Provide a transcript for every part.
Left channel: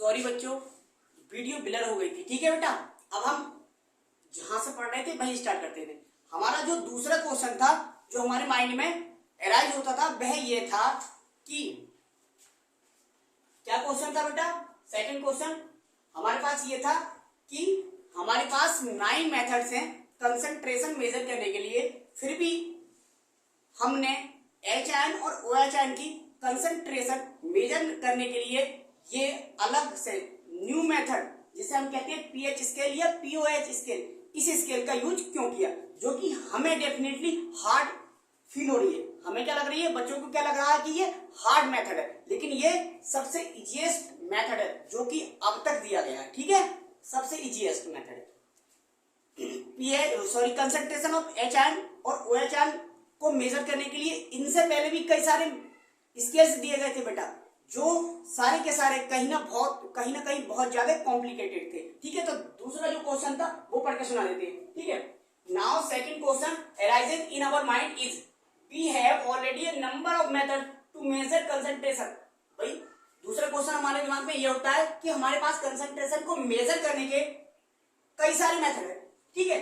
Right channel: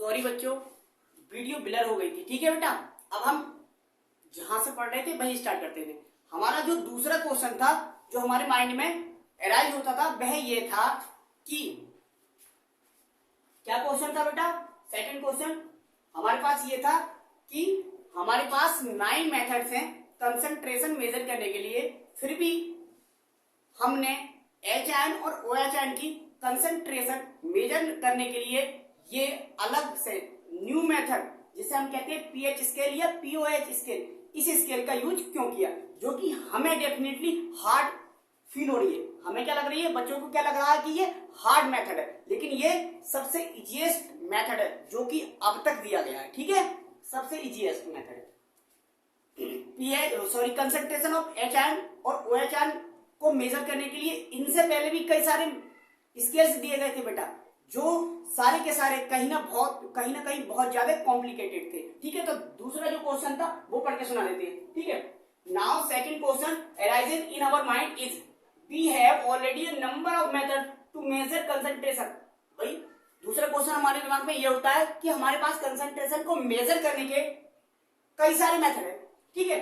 Sorry बच्चों, video blur हो गई थी। ठीक है बेटा, अब हम जहां से पढ़ रहे थे वहीं स्टार्ट करते थे। हमारा जो दूसरा क्वेश्चन था जो हमारे माइंड में अराइज होता था वह ये था कि क्या क्वेश्चन था बेटा? सेकंड क्वेश्चन हमारे पास ये था कि हमारे पास 9 मेथड्स हैं कंसंट्रेशन मेजर करने के लिए, फिर भी हमने HN और OH की कंसंट्रेशन मेजर करने के लिए ये अलग से न्यू मेथड जिसे हम कहते हैं pH स्केल या POH स्केल, इस स्केल का यूज क्यों किया, जो कि हमें डेफिनेटली हार्ड फील हो रही है। हमें क्या लग रही है, बच्चों को क्या लग रहा है कि ये हार्ड मेथड है, लेकिन ये सबसे इजीएस्ट मेथड है जो कि अब तक दिया गया है। ठीक है, सबसे इजीएस्ट मेथड है। कंसंट्रेशन ऑफ HN और OH को मेजर करने के लिए इनसे पहले भी कई सारे स्केल्स दिए गए थे बेटा, जो सारे के सारे कहीं ना कहीं बहुत ज्यादा कॉम्प्लिकेटेड थे। ठीक है, तो दूसरा जो क्वेश्चन था वो पढ़ के सुना देते हैं। ठीक है, now second question arising in our mind is we have already a number of method to measure concentration. भाई दूसरा क्वेश्चन हमारे दिमाग में ये होता है कि हमारे पास कंसंट्रेशन को मेजर करने के कई सारे मेथड है। ठीक है,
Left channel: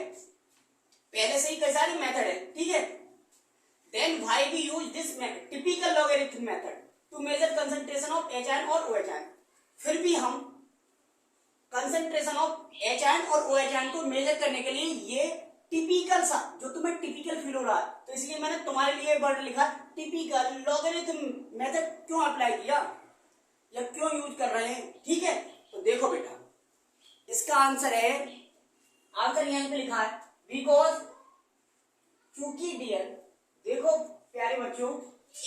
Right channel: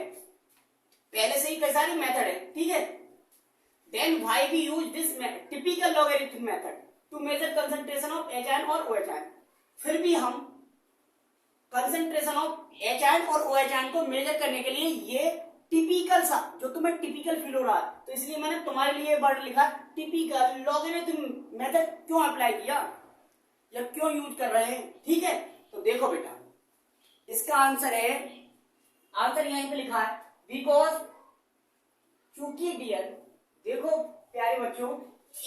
पहले से ही कई सारे मेथड है। ठीक है, then why we use this typical logarithm method to measure concentration of HN और OH। फिर भी हम कंसंट्रेशन ऑफ HN और OH को मेजर करने के लिए ये टिपिकल सा, जो तुम्हें टिपिकल फील हो रहा है, तो इसलिए मैंने तुम्हारे लिए वर्ड लिखा टिपिकल लॉगरिथम मेथड क्यों अप्लाई किया या क्यों यूज कर रहे हैं। ठीक है, तो देखो बेटा इसका आंसर है, आंसर यहीं पे लिखा है बिकॉज, क्योंकि डियर देखो प्यारे बच्चों,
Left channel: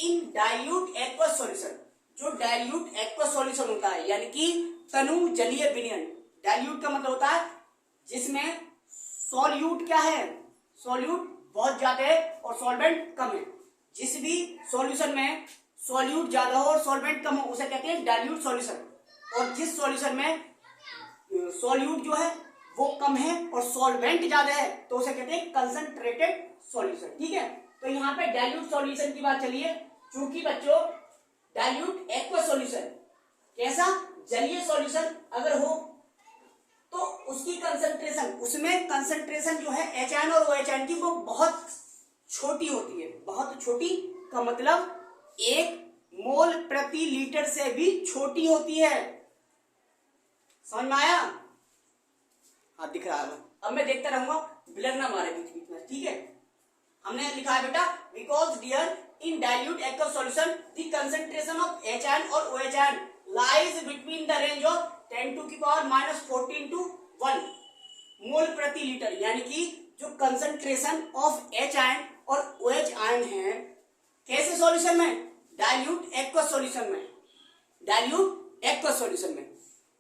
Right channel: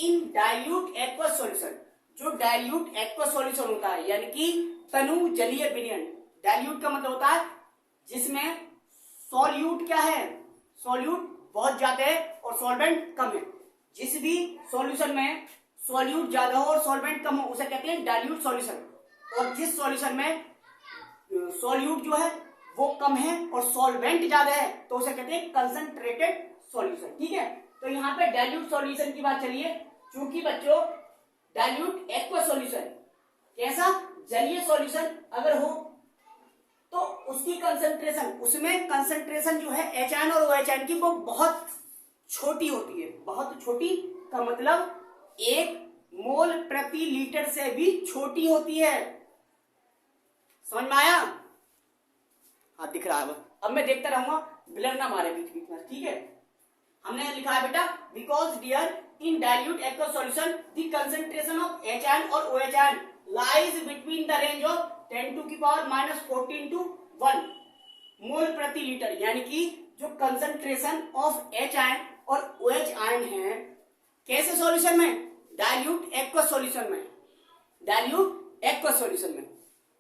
इन डाइल्यूट एक्वस सॉल्यूशन, जो डाइल्यूट एक्वस सॉल्यूशन होता है यानी कि तनु जलीय विलयन, डाइल्यूट का मतलब होता है जिसमें सॉल्यूट क्या है, सॉल्यूट बहुत ज्यादा है और सॉल्वेंट कम है। जिस भी सॉल्यूशन में सॉल्यूट ज्यादा हो और सॉल्वेंट कम हो उसे कहते हैं डाइल्यूट सॉल्यूशन, और जिस सॉल्यूशन में सॉल्यूट जो है वो कम है और सॉल्वेंट ज्यादा है तो उसे कहते हैं कंसंट्रेटेड सॉल्यूशन। ठीक है, तो यहाँ पे डाइल्यूट सॉल्यूशन की बात चलिए, क्योंकि बच्चों डाइल्यूट एक्वस सॉल्यूशन कैसा, जलीय सॉल्यूशन अगर हो तो उसकी कंसंट्रेशन, उसमें कंसंट्रेशन जो है HN और OH की वो बहुत छोटी होती है। बहुत छोटी का मतलब 1 मोल प्रति लीटर से भी छोटी होती है। समझ में आया? हाँ दिख रहा है। अब मैं देखता रहूंगा, ब्लर ना मारे बीच बीच में। ठीक है, हमने लिखा है बेटा because dear in dilute aqueous solution the concentration of HN और OH lies between the range of 10 to the power -14 to 1 mole प्रति लीटर, यानी कि जो कंसंट्रेशन ऑफ HN और OH है कैसे सॉल्यूशन में, डाइल्यूट एक्वस सॉल्यूशन में, डाइल्यूट एक्वस सॉल्यूशन में,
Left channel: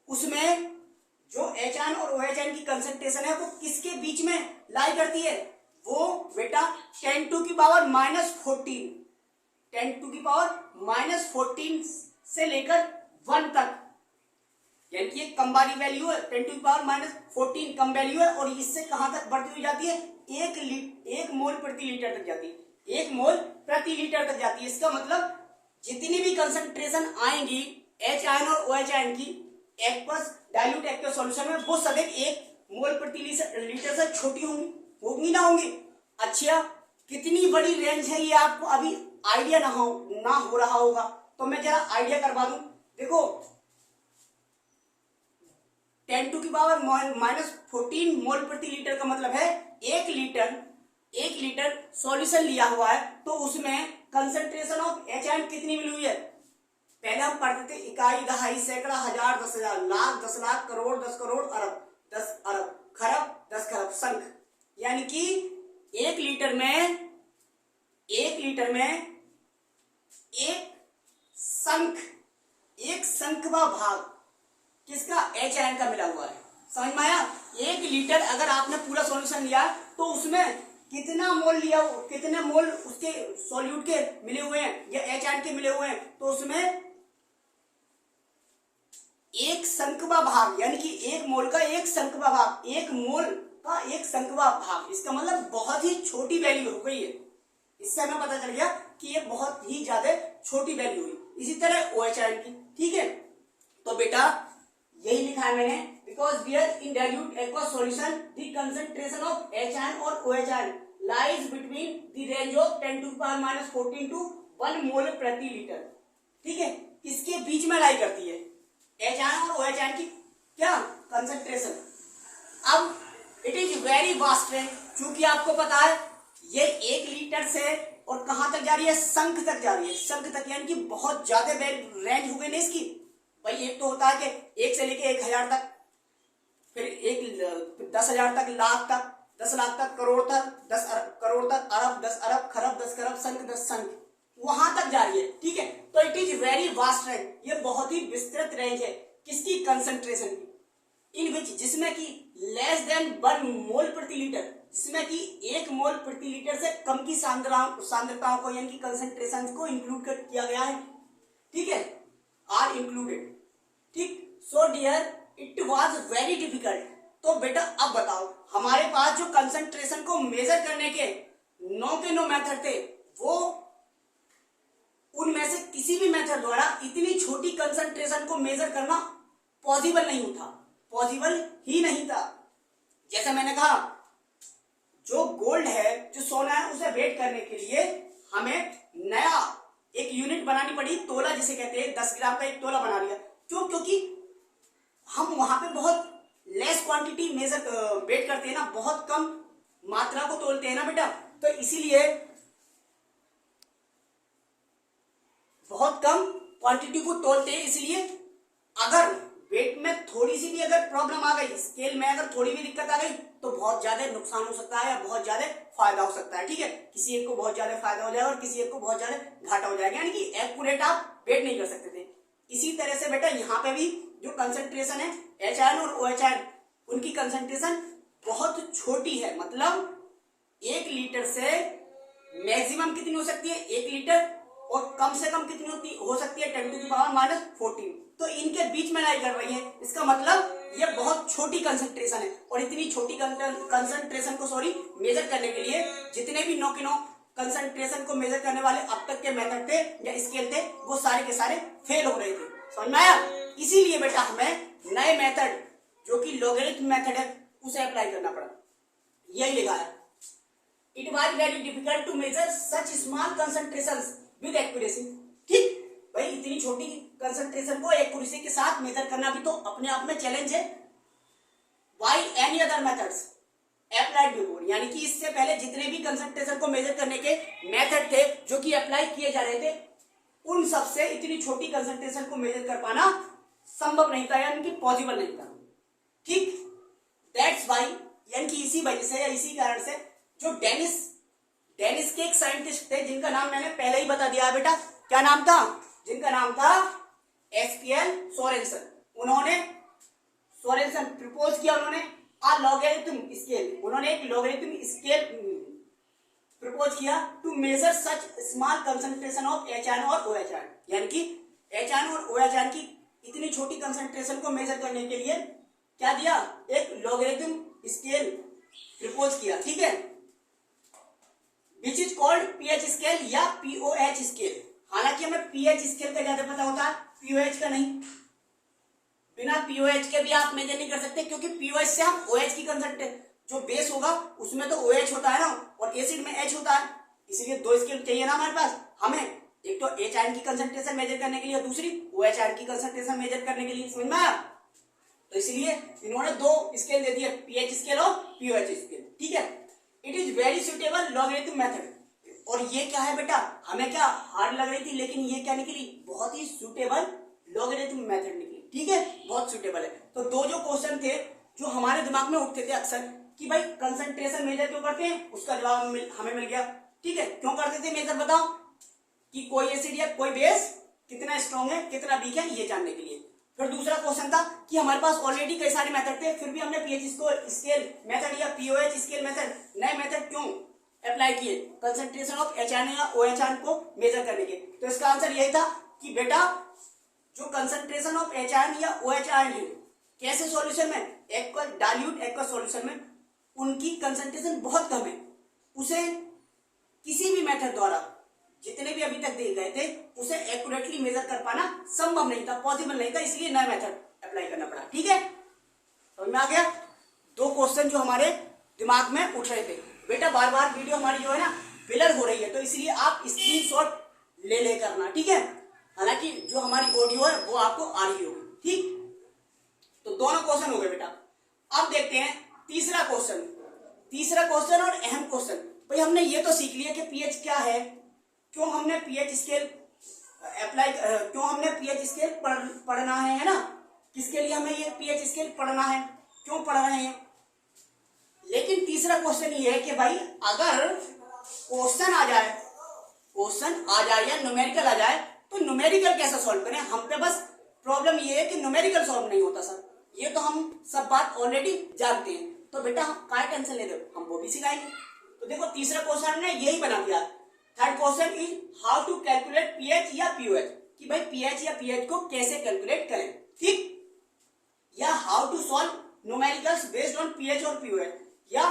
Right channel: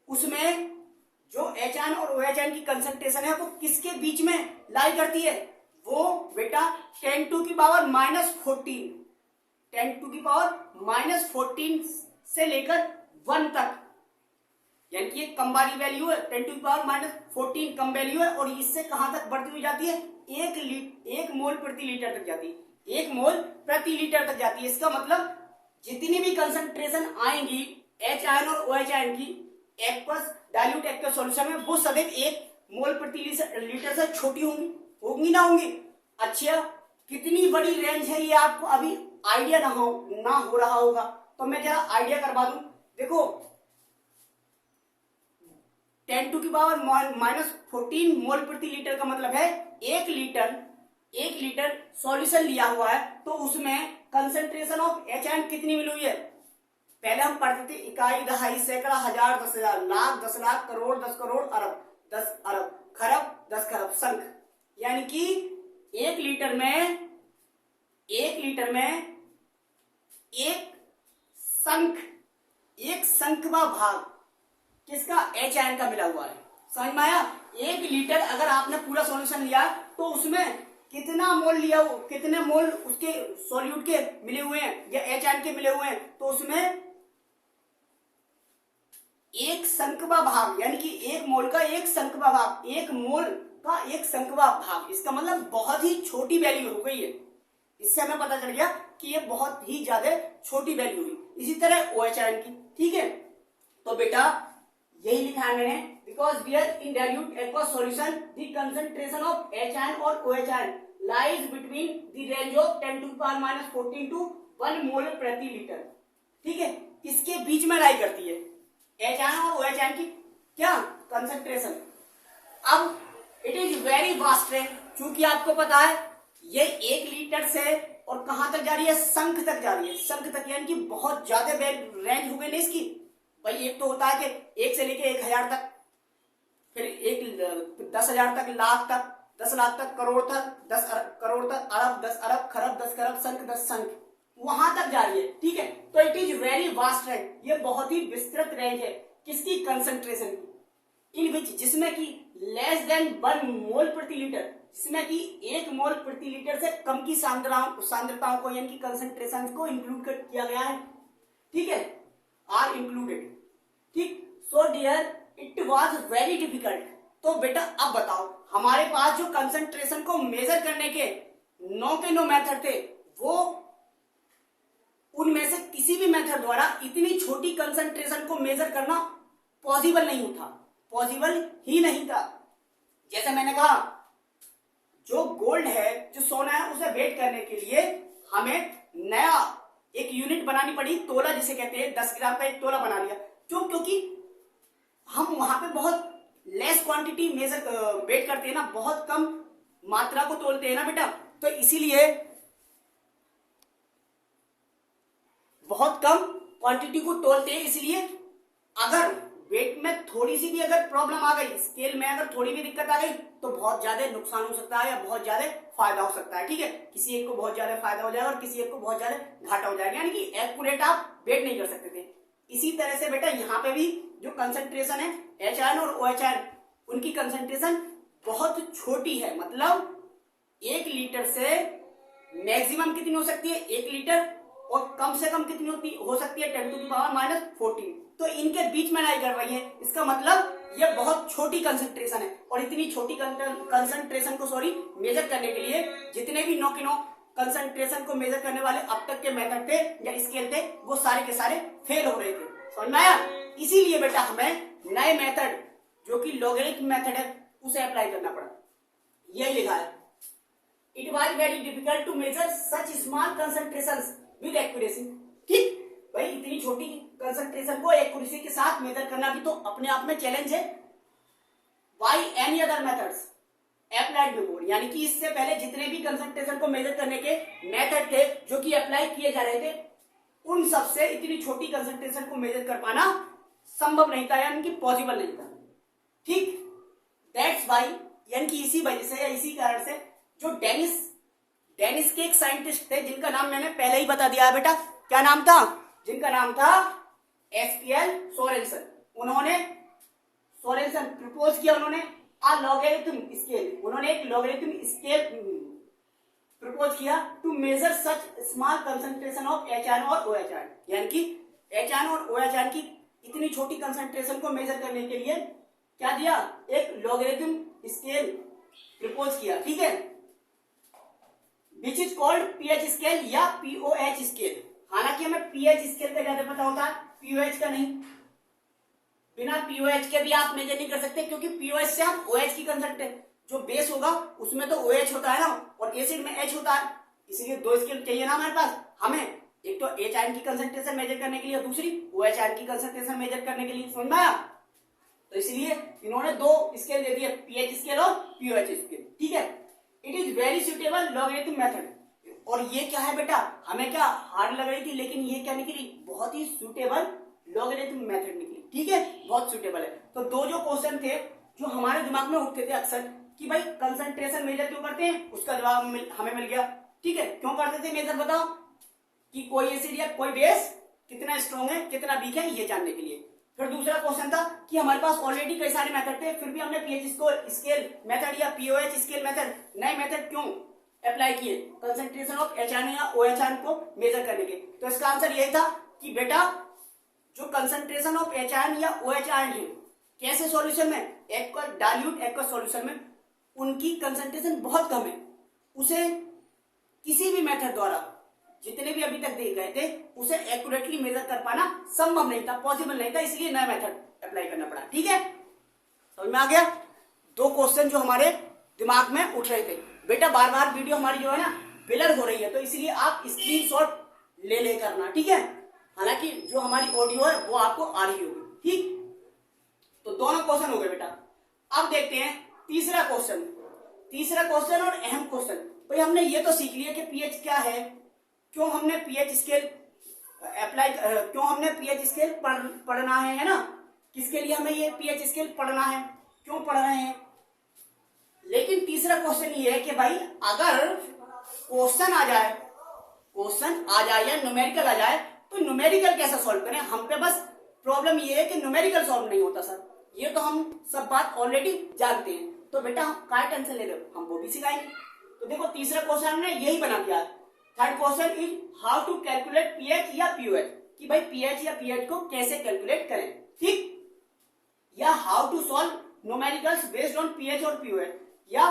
उसमें जो HN और OH की कंसंट्रेशन है वो किसके बीच में लाई करती है, वो बेटा 10 to the power -14, 10 to the power -14 से लेकर 1 तक, यानी कि कम वाली वैल्यू है, 10 to the power -14 come value है, और इससे कहां तक बढ़ती हुई जाती है, 1 मोल प्रति लीटर तक जाती है, 1 मोल प्रति लीटर तक जाती है। इसका मतलब जितनी भी कंसंट्रेशन आएंगी HN और OH की एक्वस डाइल्यूट एक्वस सॉल्यूशन में वो सदैव 1 मोल प्रति लीटर से छोटी होंगी ना होंगी। अच्छा, कितनी बड़ी रेंज है ये आपको अभी आइडिया ना हो रहा होगा, तो मैं जरा आइडिया करवा दूं। देखो 10 to the power -14 मोल प्रति लीटर का मतलब है 1 लीटर सॉल्यूशन लिया हुआ है, तो उसमें कंसंट्रेशन ऑफ HN कितनी मिली हुई है। पहले हम पढ़ते थे इकाई, दहाई, सैकड़ा, हजार, 10,000, लाख, 10 लाख, करोड़, 10 करोड़, अरब, 10 अरब, खरब, 10 खरब, संख, यानी कि 1 लीटर में एक संखवा भाग किसका, HN का मिला हुआ है। समझ में आया? 1 लीटर अगर आपने पूरा सॉल्यूशन लिया तो उसमें कितना मोल लिया, कितने मोल उसके सॉल्यूट के मिले हुए हैं या HN के मिले हुए हैं, तो उसमें एक संकवा भाग, यानी कि 1 मोल का 1 संकवा भाग, 1 मोल का 1 संकवा भाग, इसका मतलब बहुत ही छोटी वैल्यू हो गई है। इससे हमें पता चल गया कि ये बहुत ही ज्यादा छोटी वैल्यू हुई। इसी तरह OH की। ठीक है, तो बेटा यही लिखा है मैंने, because where in dilute aqueous solution the concentration of HN और OH lies between the range of 10⁻⁻14 to 1 mole प्रति लीटर। ठीक है, इसके बीच में लाई करती है HN और OH की क्या कंसंट्रेशन। अब इट इज वेरी वास्ट है, क्योंकि आपको पता है ये 1 लीटर से और कहां तक जा रही है, शंख तक जा रही है, शंख तक, यानी कि बहुत ज्यादा रेंज हो गई ना इसकी। भाई एक तो होता है कि 1 से लेके 1000 तक, फिर 10,000 तक, लाख तक, 10 लाख तक, करोड़ तक, 10 करोड़ तक, अरब, 10 अरब, खरब, 10 खरब, शंख 10 शंख, वहां तक जा रही है। ठीक है, तो it is very vast range, ये बहुत ही विस्तृत रेंज है किसकी, कंसंट्रेशन की, इन विच, जिसमें कि लेस देन 1 मोल प्रति लीटर, जिसमें कि 1 मोल प्रति लीटर से कम की सांद्रताओं को यानी कि कंसंट्रेशन को इंक्लूड किया गया है। ठीक है, आर इंक्लूडेड। ठीक, so dear it was very difficult. तो बेटा अब बताओ, हमारे पास जो कंसंट्रेशन को मेजर करने के 9 के 9 मेथड थे, वो उनमें से किसी भी मेथड द्वारा इतनी छोटी कंसंट्रेशन को मेजर करना पॉसिबल नहीं था, पॉसिबल ही नहीं था। जैसे मैंने कहा, जो गोल्ड है, जो सोना है, उसे वेट करने के लिए हमें नया एक यूनिट बनानी पड़ी, तोला जिसे कहते हैं, 10 ग्राम का एक तोला बना लिया। क्यों? क्योंकि हम वहां पे बहुत लेस क्वांटिटी मेजर वेट करते हैं ना, बहुत कम मात्रा को तोलते हैं ना बेटा, तो इसीलिए बहुत कम क्वांटिटी को तोलते हैं। इसलिए अगर वेट में थोड़ी सी भी अगर प्रॉब्लम आ गई, स्केल में अगर थोड़ी भी दिक्कत आ गई, तो बहुत ज्यादा नुकसान हो सकता है या बहुत ज्यादा फायदा हो सकता है। ठीक है, किसी एक को बहुत ज्यादा फायदा हो जाएगा और किसी एक को बहुत ज्यादा घाटा हो जाएगा, यानी कि एक्यूरेट आप वेट नहीं कर सकते थे। इसी तरह से बेटा यहाँ पे भी जो कंसंट्रेशन है HN और OH, उनकी कंसंट्रेशन बहुत छोटी है, मतलब 1 लीटर से मैक्सिमम कितनी हो सकती है, 1 लीटर, और कम से कम कितनी हो सकती है, 10⁻⁻14। तो इनके बीच में लाई कर रही है, इसका मतलब ये बहुत छोटी कंसंट्रेशन है। और इतनी छोटी कंसंट्रेशन को मेजर करने के लिए जितने भी 9 के 9 कंसंट्रेशन को मेजर करने वाले अब तक के मेथड थे या स्केल थे, वो सारे के सारे फेल हो रहे थे। समझ में आया? इसीलिए बेटा हमें नए मेथड जो कि लॉगरिथम मेथड है उसे अप्लाई करना पड़ा। यही लिखा है, it was very difficult to measure such small concentrations with accuracy. ठीक भाई, इतनी छोटी कंसंट्रेशन को एक्यूरेसी के साथ मेजर करना भी तो अपने आप में चैलेंज है। By any other methods applied before, यानी कि इससे पहले जितने भी कंसंट्रेशन को मेजर करने के मेथड थे जो कि अप्लाई किए जा रहे थे, उन सबसे इतनी छोटी कंसंट्रेशन को मेजर कर पाना संभव नहीं था, यानी कि पॉसिबल नहीं था। ठीक, दैट्स वाई, यानी कि इसी वजह से या इसी कारण से जो डेनिस के एक साइंटिस्ट थे, जिनका नाम मैंने पहले ही बता दिया है बेटा, क्या नाम था, जिनका नाम था SPL सोरेनसन। उन्होंने सोरेनसन प्रपोज किया, उन्होंने लॉगरिथम स्केल, उन्होंने एक लॉगरिथम स्केल प्रपोज किया to measure such small concentration of HN और OH, यानी कि HN और OH की इतनी छोटी कंसंट्रेशन को मेजर करने के लिए क्या दिया, एक लॉगरिथम स्केल प्रपोज किया। ठीक है, which is called pH scale या POH स्केल। हालांकि हमें pH स्केल का ज्यादा पता होता है, POH का नहीं। बिना POH के भी आप मेजर नहीं कर सकते, क्योंकि POH से हम OH की कंसंट्रेशन, जो बेस होगा उसमें तो OH होता है ना, और एसिड में H होता है, इसीलिए 2 स्केल चाहिए ना हमारे पास हमें, एक तो H की कंसंट्रेशन मेजर करने के लिए और दूसरी OH की कंसंट्रेशन मेजर करने के लिए। समझ में आया? तो इसलिए इन्होंने 2 स्केल दे दिए, pH स्केल और POH स्केल। ठीक है, it is very suitable logarithm method. और ये क्या है बेटा, हमें क्या हार्ड लग रही थी, लेकिन ये क्या निकली, बहुत ही सुटेबल लॉगरिथम मेथड निकली। ठीक है, बहुत सुटेबल है। तो 2 जो क्वेश्चन थे जो हमारे दिमाग में उठते थे अक्सर कि भाई कंसंट्रेशन मेजर क्यों करते हैं, उसका जवाब हमें मिल गया। ठीक है, क्यों करते थे मेजर, बताओ, कि कोई एसिड या कोई बेस कितना स्ट्रॉन्ग है कितना वीक है ये जानने के लिए। फिर दूसरा क्वेश्चन था कि हमारे पास ऑलरेडी कई सारे मेथड थे, फिर भी हमने pH स्केल मेथड या POH स्केल मेथड, नए मेथड क्यों अप्लाई किए कंसंट्रेशन ऑफ HN या OH को मेजर करने के। तो इसका आंसर यही था कि बेटा जो कंसंट्रेशन ऑफ HN या OH है, कैसे सॉल्यूशन में, डाइल्यूट एक्वस सॉल्यूशन में उनकी कंसंट्रेशन बहुत कम है, उसे किसी भी मेथड द्वारा जितने भी अभी तक दिए गए थे उसे एक्यूरेटली मेजर कर पाना संभव नहीं था, पॉसिबल नहीं था, इसलिए नया मेथड अप्लाई करना पड़ा। ठीक है, समझ में आ गया? दो क्वेश्चन जो हमारे दिमाग में उठ रहे थे। बेटा बार बार वीडियो हमारी जो है ना ब्लर हो रही है, तो इसलिए आप स्क्रीनशॉट ले करना। ठीक है, हालांकि जो हमारी ऑडियो है वो आपको आ रही होगी। ठीक, तो दोनों क्वेश्चन हो गए बेटा। अब देखते हैं तीसरा क्वेश्चन और अहम क्वेश्चन। भाई हमने ये तो सीख लिया कि पीएच क्या है, क्यों हमने पीएच स्केल पढ़ना है ना, किसके लिए हमें ये पीएच स्केल पढ़ना है, क्यों पढ़ रहे हैं। लेकिन तीसरा क्वेश्चन ये है कि भाई अगर क्वेश्चन आ जाए या न्यूमेरिकल आ जाए तो न्यूमेरिकल कैसे सॉल्व करें। हम पे बस प्रॉब्लम ये है कि न्यूमेरिकल सॉल्व नहीं होता सर, ये तो हम सब बात ऑलरेडी जानते हैं। तो बेटा हम काय टेंशन ले रहे हो, हम वो भी सिखाएंगे। तो देखो तीसरा क्वेश्चन हमने यही बना दिया। Third question is how to calculate pH या पीओएच, कि भाई पीएच या पीएच को कैसे कैलकुलेट करें। ठीक, या how to solve numericals based on pH और पीओएच, या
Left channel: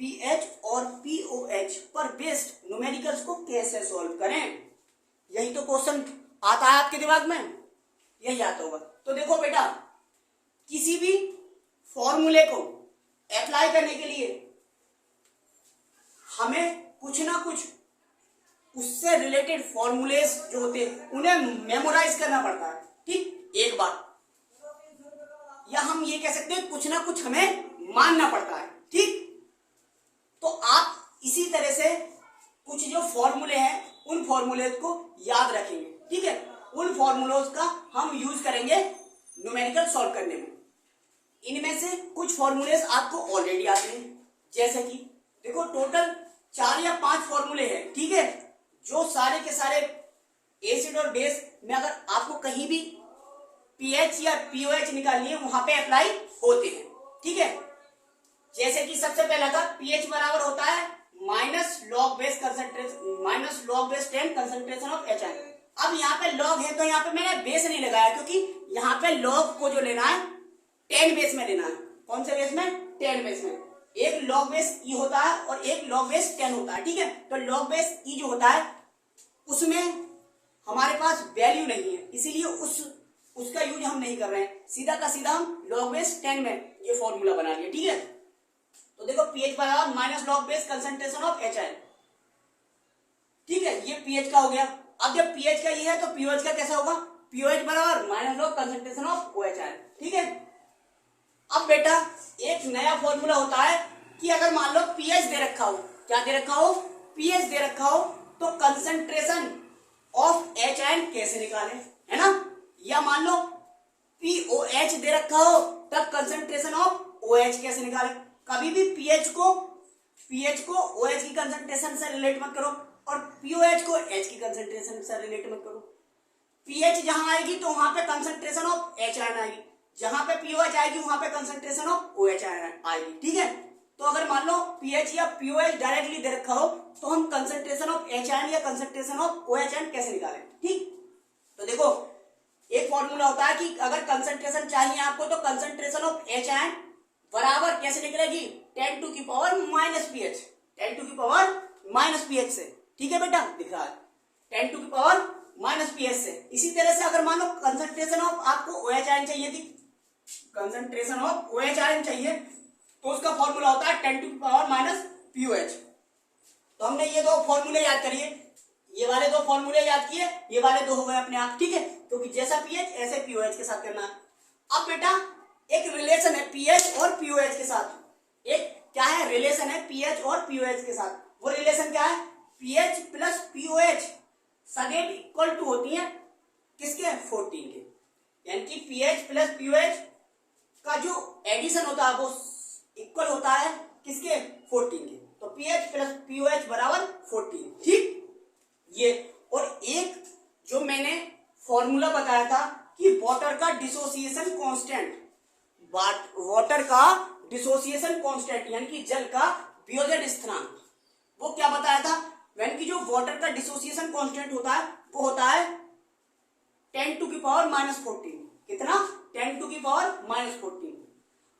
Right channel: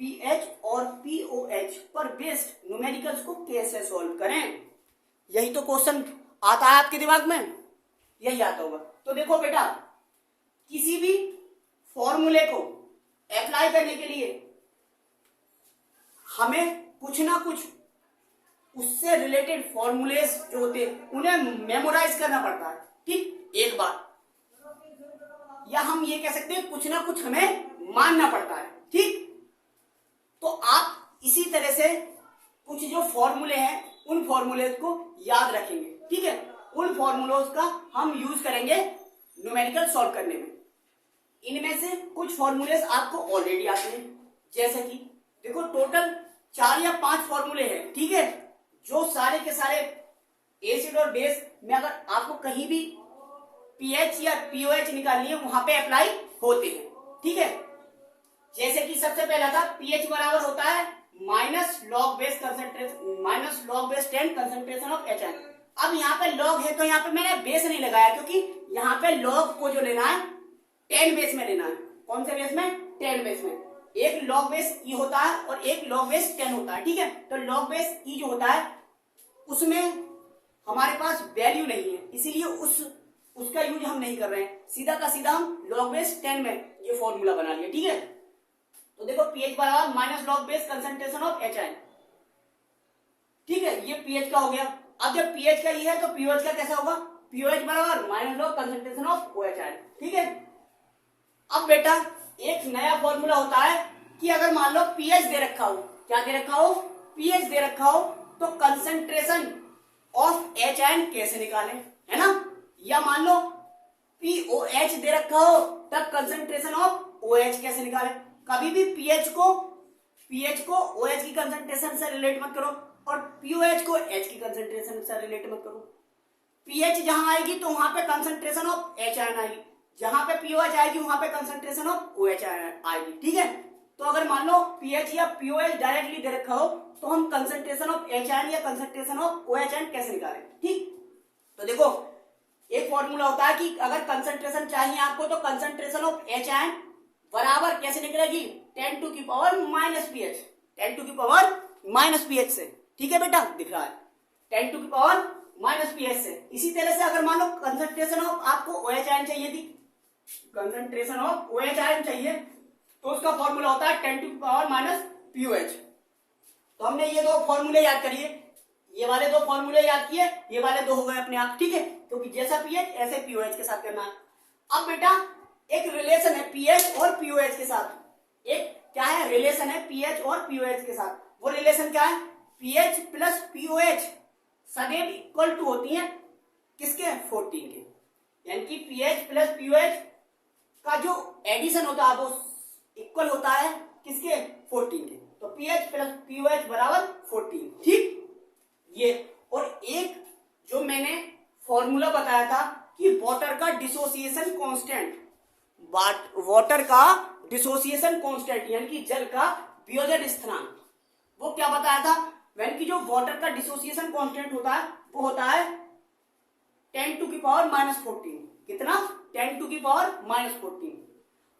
पीएच और पीओएच पर बेस्ड न्यूमेरिकल्स को कैसे सॉल्व करें। यही तो क्वेश्चन आता है आपके दिमाग में, यही आता होगा। तो देखो बेटा किसी भी फॉर्मूले को अप्लाई करने के लिए हमें कुछ ना कुछ उससे रिलेटेड फॉर्मूलेस जो होते हैं उन्हें मेमोराइज करना पड़ता है। ठीक, एक बात, या हम ये कह सकते हैं कुछ ना कुछ हमें मानना पड़ता है। ठीक, तो आप इसी तरह से कुछ जो फॉर्मूले हैं उन फॉर्मूलेस को याद रखेंगे। ठीक है, उन फॉर्मूलोज का हम यूज करेंगे न्यूमेरिकल सॉल्व करने में। इनमें से कुछ फॉर्मूलेस आपको ऑलरेडी आते हैं, जैसे कि देखो टोटल 4 या 5 फॉर्मूले हैं। ठीक है, जो सारे के सारे एसिड और बेस में अगर आपको कहीं भी पीएच या पीओएच निकालनी है वहां पे अप्लाई होते हैं। ठीक है, जैसे कि सबसे पहला था पीएच बराबर होता है minus log base 10 concentration of H N. अब यहाँ पे लॉग है तो यहाँ पे मैंने बेस नहीं लगाया, क्योंकि यहाँ पे लॉग को जो लेना है 10 बेस में लेना है। कौन से बेस में? 10 बेस में। एक लॉग बेस ई होता है और एक लॉग बेस 10 होता है। ठीक है, तो लॉग बेस ई जो होता है उसमें हमारे पास वैल्यू नहीं है, इसीलिए उसका यूज हम नहीं कर रहे हैं। सीधा का सीधा हम लॉग बेस 10 में ये फॉर्मूला बना लिया। ठीक है, तो देखो पीएच बराबर minus log base concentration of H N. ठीक है, ये पीएच का हो गया। अब जब पीएच का ये है तो पीओएच का कैसा होगा? पीओएच बराबर minus log concentration of OH N. ठीक है, अब बेटा एक नया फॉर्मूला होता है कि अगर मान लो पीएच दे रखा हो, क्या दे रखा हो? पीएच दे रखा हो, तो कंसंट्रेशन ऑफ एच एन कैसे निकालें, है ना। या मान लो पीओएच दे रखा हो तब कंसंट्रेशन ऑफ ओएच कैसे निकालें। कभी भी पीएच को ओएच की कंसंट्रेशन से रिलेट मत करो और पीओएच को एच की कंसंट्रेशन से रिलेट मत करो। पीएच जहां आएगी तो वहां पे कंसंट्रेशन ऑफ एच आयन आएगी, जहां पे पीओएच आएगी वहां पे कंसंट्रेशन ऑफ ओएच आएगी। ठीक है, तो अगर मान लो पीएच या पीओएच डायरेक्टली दे रखा हो तो हम कंसंट्रेशन ऑफ एच आयन या कंसंट्रेशन ऑफ ओएच आयन कैसे निकालें। ठीक, तो देखो एक फॉर्मूला होता है कि अगर कंसंट्रेशन चाहिए आपको तो कंसंट्रेशन ऑफ एच आयन बराबर कैसे निकलेगी? 10 टू की पावर माइनस पीएच, 10 टू की पावर माइनस पीएच से। ठीक है बेटा, दिख रहा है 10 टू की पावर माइनस पीएच से। इसी तरह से अगर मान लो कंसंट्रेशन ऑफ आपको ओएच आयन चाहिए थी, कंसंट्रेशन ऑफ ओएच आयन चाहिए तो उसका फॉर्मूला होता है 10 टू की पावर माइनस पीओएच। तो हमने ये दो फॉर्मूले याद करिए, ये वाले दो फॉर्मूले याद किए, ये वाले दो हो गए अपने आप। ठीक है, क्योंकि जैसा पीएच ऐसे पीओएच के साथ करना है। अब बेटा एक रिलेशन है पीएच और पीओएच के साथ, एक क्या है रिलेशन है पीएच और पीओएच के साथ। वो रिलेशन क्या है? पीएच प्लस पीओएच सदैव इक्वल टू होती है किसके? 14 के। यानी कि पीएच प्लस पीओएच का जो एडिशन होता है वो इक्वल होता है किसके? 14 के। तो पीएच प्लस पीओएच बराबर 14। ठीक, ये और एक जो मैंने फॉर्मूला बताया था कि वाटर का डिसोसिएशन कांस्टेंट, वाटर का डिसोसिएशन कांस्टेंट यानी कि जल का वियोजन स्थिरांक, वो क्या बताया था? यानी कि जो वाटर का डिसोसिएशन कांस्टेंट होता है वो होता है 10 टू की पावर माइनस 14। कितना? 10 टू की पावर माइनस 14।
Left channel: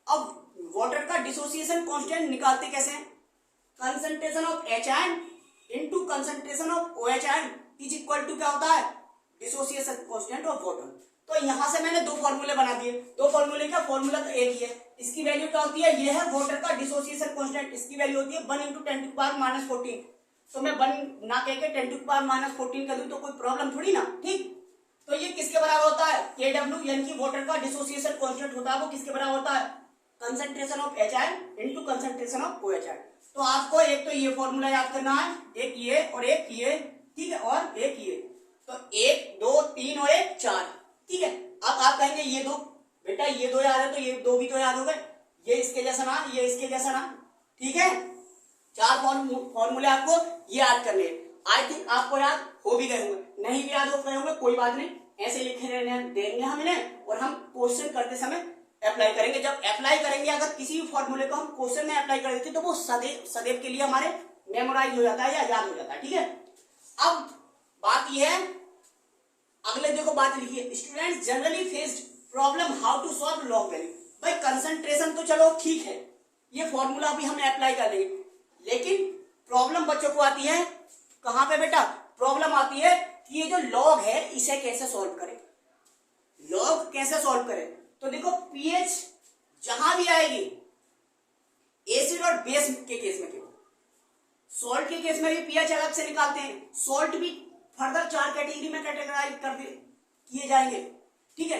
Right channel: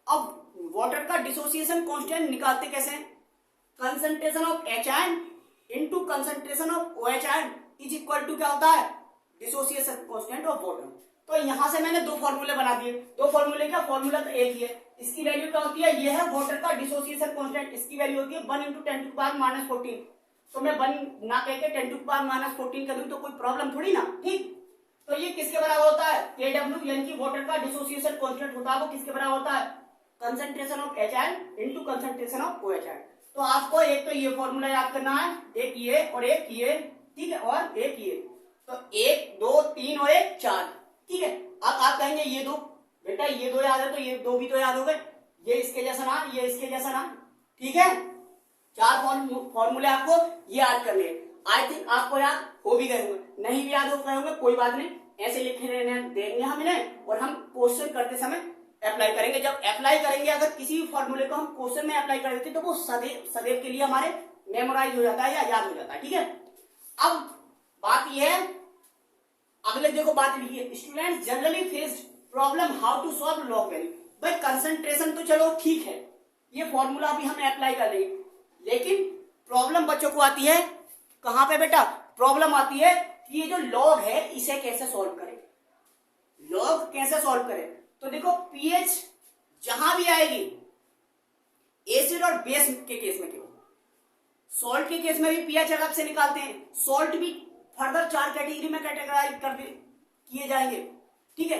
अब वाटर का डिसोसिएशन कांस्टेंट निकालते कैसे हैं? Concentration of H N into concentration of OH N is equal to क्या होता है? Dissociation constant of water. तो यहां से मैंने दो फॉर्मूले बना दिए। दो फॉर्मूले क्या, फॉर्मूला तो एक ही है। इसकी वैल्यू क्या होती है, ये है वाटर का डिसोसिएशन कांस्टेंट, इसकी वैल्यू होती है 1 × 10⁻⁻14। तो मैं 1 ना कह के 10⁻⁻14 कर लूं तो कोई प्रॉब्लम थोड़ी ना, ठीक। तो ये किसके बराबर होता है, Kw यानी कि वाटर का डिसोसिएशन कांस्टेंट होता है, वो किसके बराबर होता है, concentration of HI into concentration of OH। तो आपको एक तो ये फॉर्मूला याद करना है, एक ये और एक ये, ठीक है, और एक ये। तो 1 2 3 और 1 4, ठीक है। अब आप कहेंगे ये दो, बेटा ये दो याद है तो ये दो भी तो याद हो गए, ये इसके जैसा ना, ये इसके जैसा ना, ठीक है। 4 फॉर्मूले आपको याद करने हैं। आई थिंक आपको याद हो भी गए होंगे, नहीं भी याद हो गए होंगे कोई बात नहीं, ऐसे लिखे रहने देंगे हम इन्हें, और हम क्वेश्चन करते समय अप्लाई करेंगे। जब अप्लाई करेंगे, अगर किसी भी फॉर्मूले को हम क्वेश्चन में अप्लाई कर देते हैं तो वो सदैव के लिए हमारे मेमोराइज हो जाता है या याद हो जाता है, ठीक है। अब बात यह है, अगले देखो बात लिखी है, students generally faced problem how to solve log value. भाई कंसंट्रेशन तो चलो ठीक है, ये फॉर्मूला भी हम अप्लाई कर लेंगे, लेकिन प्रॉब्लम बच्चों को आती है कहां पे बेटा, प्रॉब्लम आती है कि ये जो लॉग है इसे कैसे सॉल्व करें, लॉग कैसे सॉल्व करें। तो देखो पीएच जहां भी आएगी, एसिड और बेस के केस में, केवल सॉल्ट के केस में भी पीएच अलग से निकालते हैं, सॉल्ट भी फर्दर 4 कैटेगरी में कैटेगराइज कर किए जाएंगे, ठीक है।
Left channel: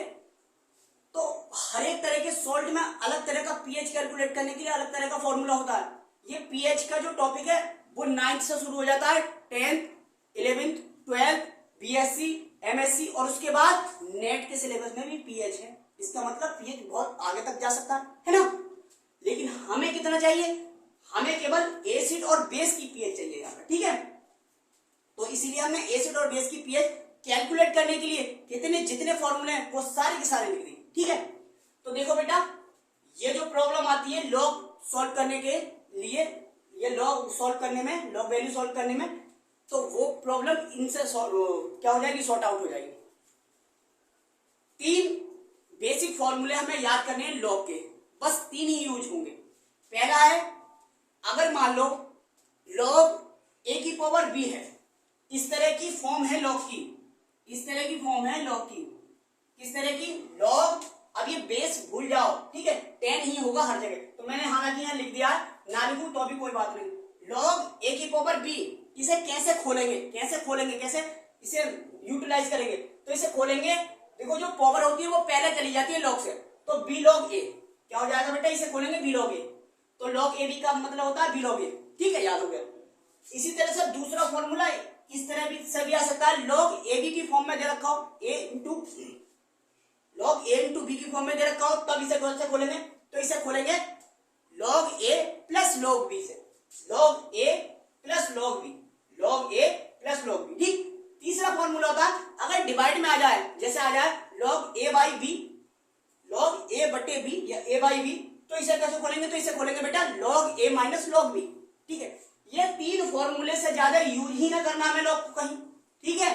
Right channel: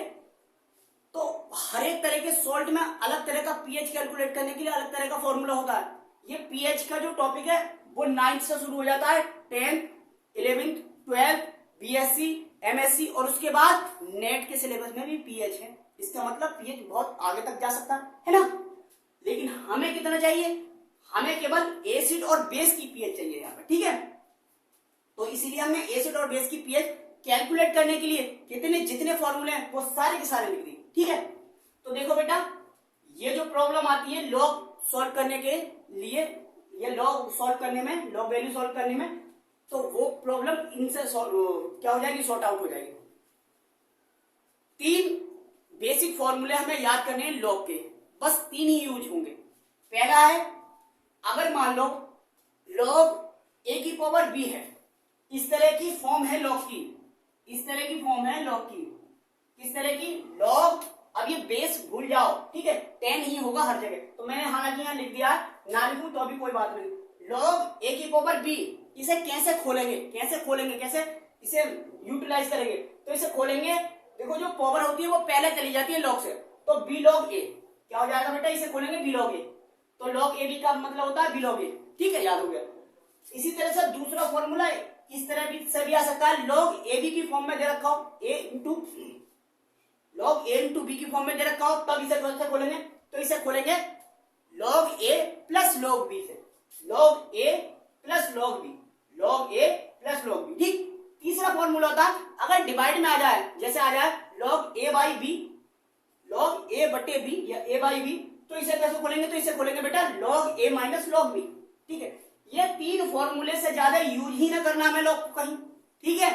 तो हर एक तरह के सॉल्ट में अलग तरह का पीएच कैलकुलेट करने के लिए अलग तरह का फॉर्मूला होता है। ये पीएच का जो टॉपिक है वो 9th से शुरू हो जाता है, 10th 11th 12th BSc MSc, और उसके बाद नेट के सिलेबस में भी पीएच है। इसका मतलब पीएच बहुत आगे तक जा सकता है ना। लेकिन हमें कितना चाहिए, हमें केवल एसिड और बेस की पीएच चाहिए यहाँ पर, ठीक है। तो इसीलिए हमें एसिड और बेस की पीएच कैलकुलेट करने के लिए कितने जितने फॉर्मूले हैं वो सारे के सारे लिख दिए, ठीक है। तो देखो बेटा, ये जो प्रॉब्लम आती है लॉग सॉल्व करने के लिए, ये लॉग सॉल्व करने में, लॉग वैल्यू सॉल्व करने में, तो वो प्रॉब्लम इनसे क्या हो जाएगी, सॉर्ट आउट हो जाएगी। 3 बेसिक फॉर्मूले हमें याद करने हैं लॉग के, बस 3 ही यूज होंगे। पहला है, अगर मान लो लॉग a⁻b है, इस तरह की फॉर्म है लॉग की, इस तरह की फॉर्म है लॉग की, किस तरह की, लॉग, अब ये बेस भूल जाओ, ठीक है, 10 ही होगा हर जगह। तो मैंने हालांकि यहाँ लिख दिया, ना लिखूं तो अभी कोई बात नहीं। लॉग a⁻b, इसे कैसे खोलेंगे, कैसे इसे यूटिलाइज करेंगे, तो इसे खोलेंगे, देखो जो पावर होती है वो पहले चली जाती है लॉग से, तो b log a क्या हो जाएगा बेटा, इसे खोलेंगे b log a, तो log ab का मतलब होता है b log a, ठीक है, याद हो गया। इसी तरह से दूसरा फॉर्मूला इस तरह भी से भी आ सकता है, log ab की फॉर्म में दे रखा हो, log a इंटू b की फॉर्म में दे रखा हो, तब इसे कौन सा खोलेंगे, तो इसे खोलेंगे log a plus log b से, log a plus log b, log a plus log b, ठीक। तीसरा फॉर्मूला होता है, अगर डिवाइड में आ जाए, जैसे आ जाए log a by b, log a बटे b या a बाई b, तो इसे कैसे खोलेंगे, तो इसे खोलेंगे बेटा log a minus log b, ठीक है। ये 3 फॉर्मूले से ज्यादा यूज ही ना करना हमें लॉग को कहीं, ठीक है।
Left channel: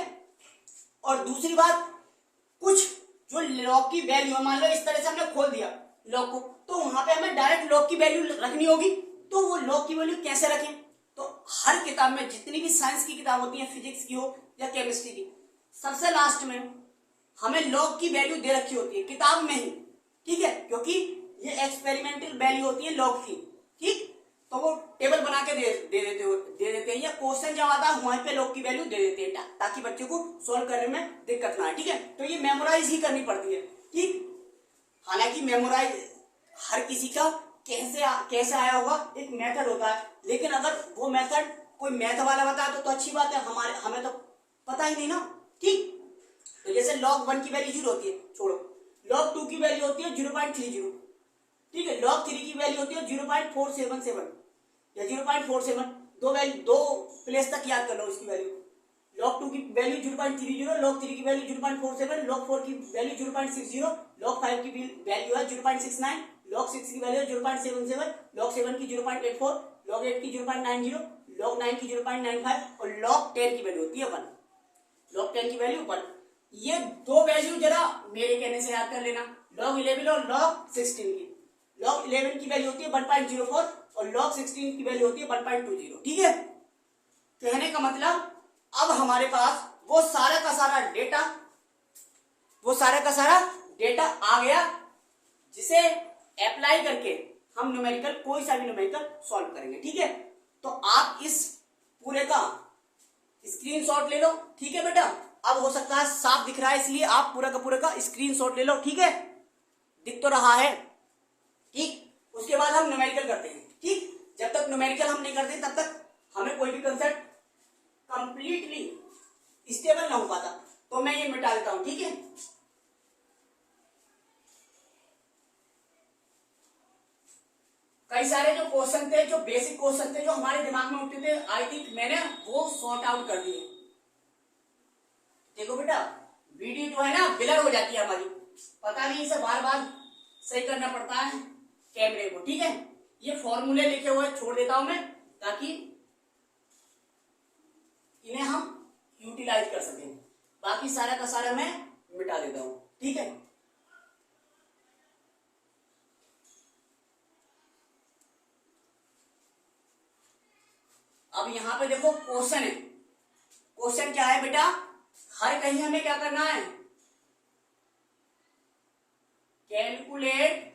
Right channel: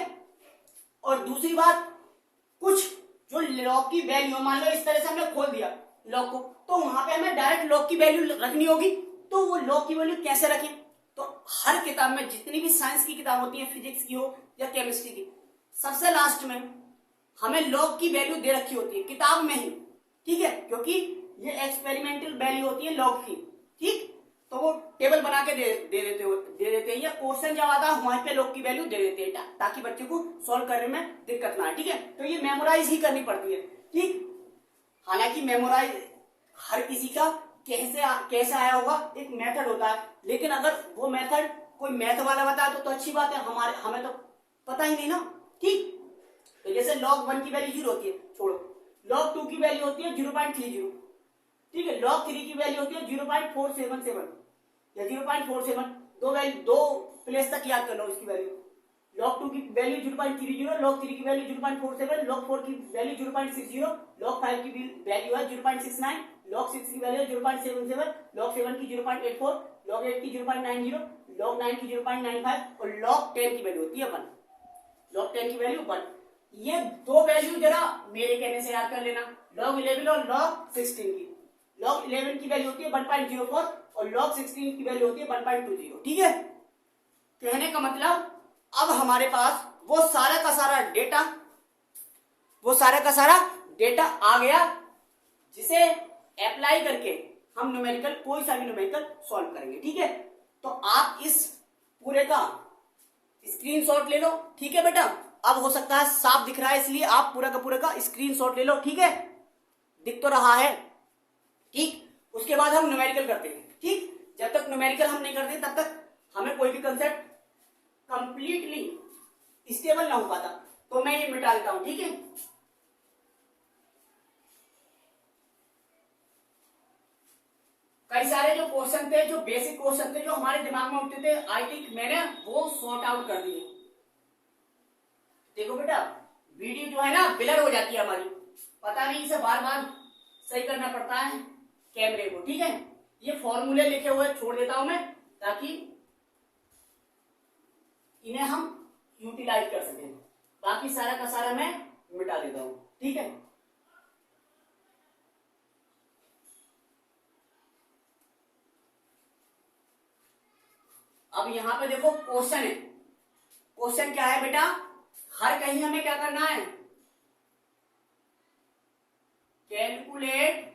और दूसरी बात, कुछ जो लॉग की वैल्यू, मान लो इस तरह से हमने खोल दिया लॉग को, तो वहां पे हमें डायरेक्ट लॉग की वैल्यू रखनी होगी, तो वो लॉग की वैल्यू कैसे रखें, तो हर किताब में जितनी भी साइंस की किताब होती है, फिजिक्स की हो या केमिस्ट्री की, सबसे लास्ट में हमें लॉग की वैल्यू दे रखी होती है किताब में ही, ठीक है, क्योंकि ये एक्सपेरिमेंटल वैल्यू होती है लॉग की, ठीक। तो वो टेबल बना के दे देते हैं, या क्वेश्चन जब आता है वहीं पे लॉग की वैल्यू दे देते हैं, ताकि बच्चे को सॉल्व करने में दिक्कत ना आए, ठीक है। तो ये मेमोराइज ही करनी पड़ती है, ठीक। हालांकि मेमोराइज हर किसी का कैसे आया होगा, एक मेथड होता है, लेकिन अगर वो मेथड कोई मैथ वाला बताए तो अच्छी बात है, हमें तो पता ही नहीं ना, ठीक। तो जैसे log 1 की वैल्यू 0 होती है, छोड़ो, log 2 की वैल्यू होती है 0.30, ठीक है, log 3 की वैल्यू होती है 0.477 या 0.47, दो प्लेस तक याद कर लो उसकी वैल्यू। log 2 की वैल्यू 0.30, log 3 की वैल्यू 0.47, log 4 की वैल्यू 0.60, log 5 की वैल्यू है 0.69, log 6 की वैल्यू 0.77, log 7 की 0.84, log 8 की 0.90, log 9 की 0.95 और log 10 की वैल्यू होती है 1, log 10 की वैल्यू 1। ये दो वैल्यू जरा मेरे कहने से याद कर लेना, log 11 और log 16 की। log 11 की वैल्यू होती है 1.04 और log 16 की वैल्यू होती है 1.20, ठीक है। कहने का मतलब अब हमारे पास वो सारा का सारा डेटा, वो सारा का सारा डेटा आ गया, जिसे अप्लाई करके हम न्यूमेरिकल, कोई सा भी न्यूमेरिकल सॉल्व करेंगे। ठीक है, तो आप इस पूरे का स्क्रीनशॉट ले लो। ठीक है बेटा, अब हो सकता है साफ दिख रहा है, इसलिए आप पूरा का स्क्रीनशॉट ले लो। ठीक है, दिख तो रहा है। ठीक, उसके बाद हम न्यूमेरिकल करते हैं। ठीक, जब तक न्यूमेरिकल हम नहीं करते तब तक हमें कोई भी कंसेप्ट कंप्लीटली स्टेबल ना हो पाता। तो मैं ये मिटा देता हूं। ठीक है, कई सारे जो क्वेश्चन थे, जो बेसिक क्वेश्चन थे, जो हमारे दिमाग में उठते थे, आई थिंक मैंने वो सॉर्ट आउट कर दिए। देखो बेटा, वीडियो जो है ना ब्लर हो जाती है हमारी, पता नहीं, इसे बार बार सही करना पड़ता है कैमरे को। ठीक है, ये फॉर्मूले लिखे हुए छोड़ देता हूं मैं, ताकि इन्हें हम यूटिलाइज कर सकें। बाकी सारा का सारा मैं मिटा देता हूं। ठीक है, अब यहां पे देखो क्वेश्चन है। क्वेश्चन क्या है बेटा, हर कहीं हमें क्या करना है, कैलकुलेट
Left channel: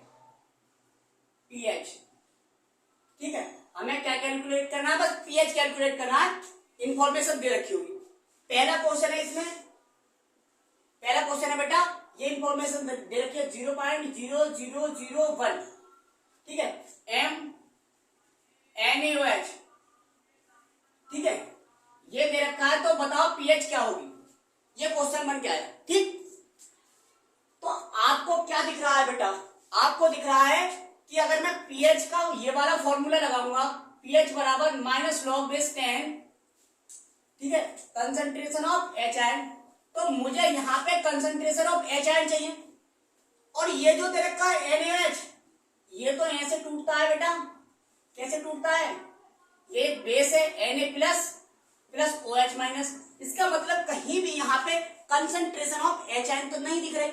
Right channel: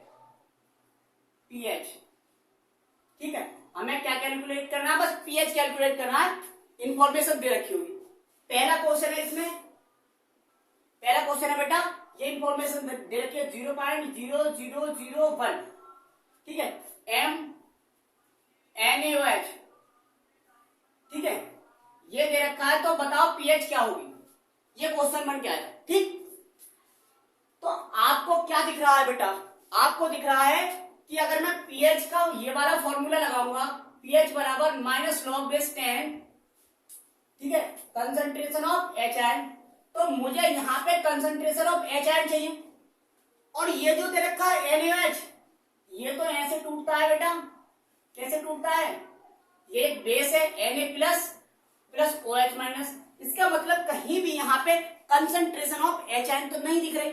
पीएच। ठीक है, हमें क्या कैलकुलेट करना है, बस पीएच कैलकुलेट करना है। इंफॉर्मेशन दे रखी होगी। पहला क्वेश्चन है, इसमें पहला क्वेश्चन है बेटा, ये इंफॉर्मेशन दे रखी है 0.0001। ठीक है, NaOH। ठीक है, ये दे रखा है, तो बताओ पीएच क्या होगी, ये क्वेश्चन बन गया है। ठीक, तो आपको क्या दिख रहा है बेटा, आपको दिख रहा है कि अगर मैं पीएच का ये वाला फॉर्मूला लगाऊंगा, पीएच बराबर -log10, ठीक है, कंसंट्रेशन ऑफ HN, तो मुझे यहां पे कंसंट्रेशन ऑफ HN चाहिए। और ये जो दे रखा है NaOH, ये तो ऐसे टूटता है बेटा, कैसे टूटता है, ये बेस है Na प्लस OH माइनस। इसका मतलब कहीं भी यहाँ पे कंसंट्रेशन ऑफ HN तो नहीं दिख रहे।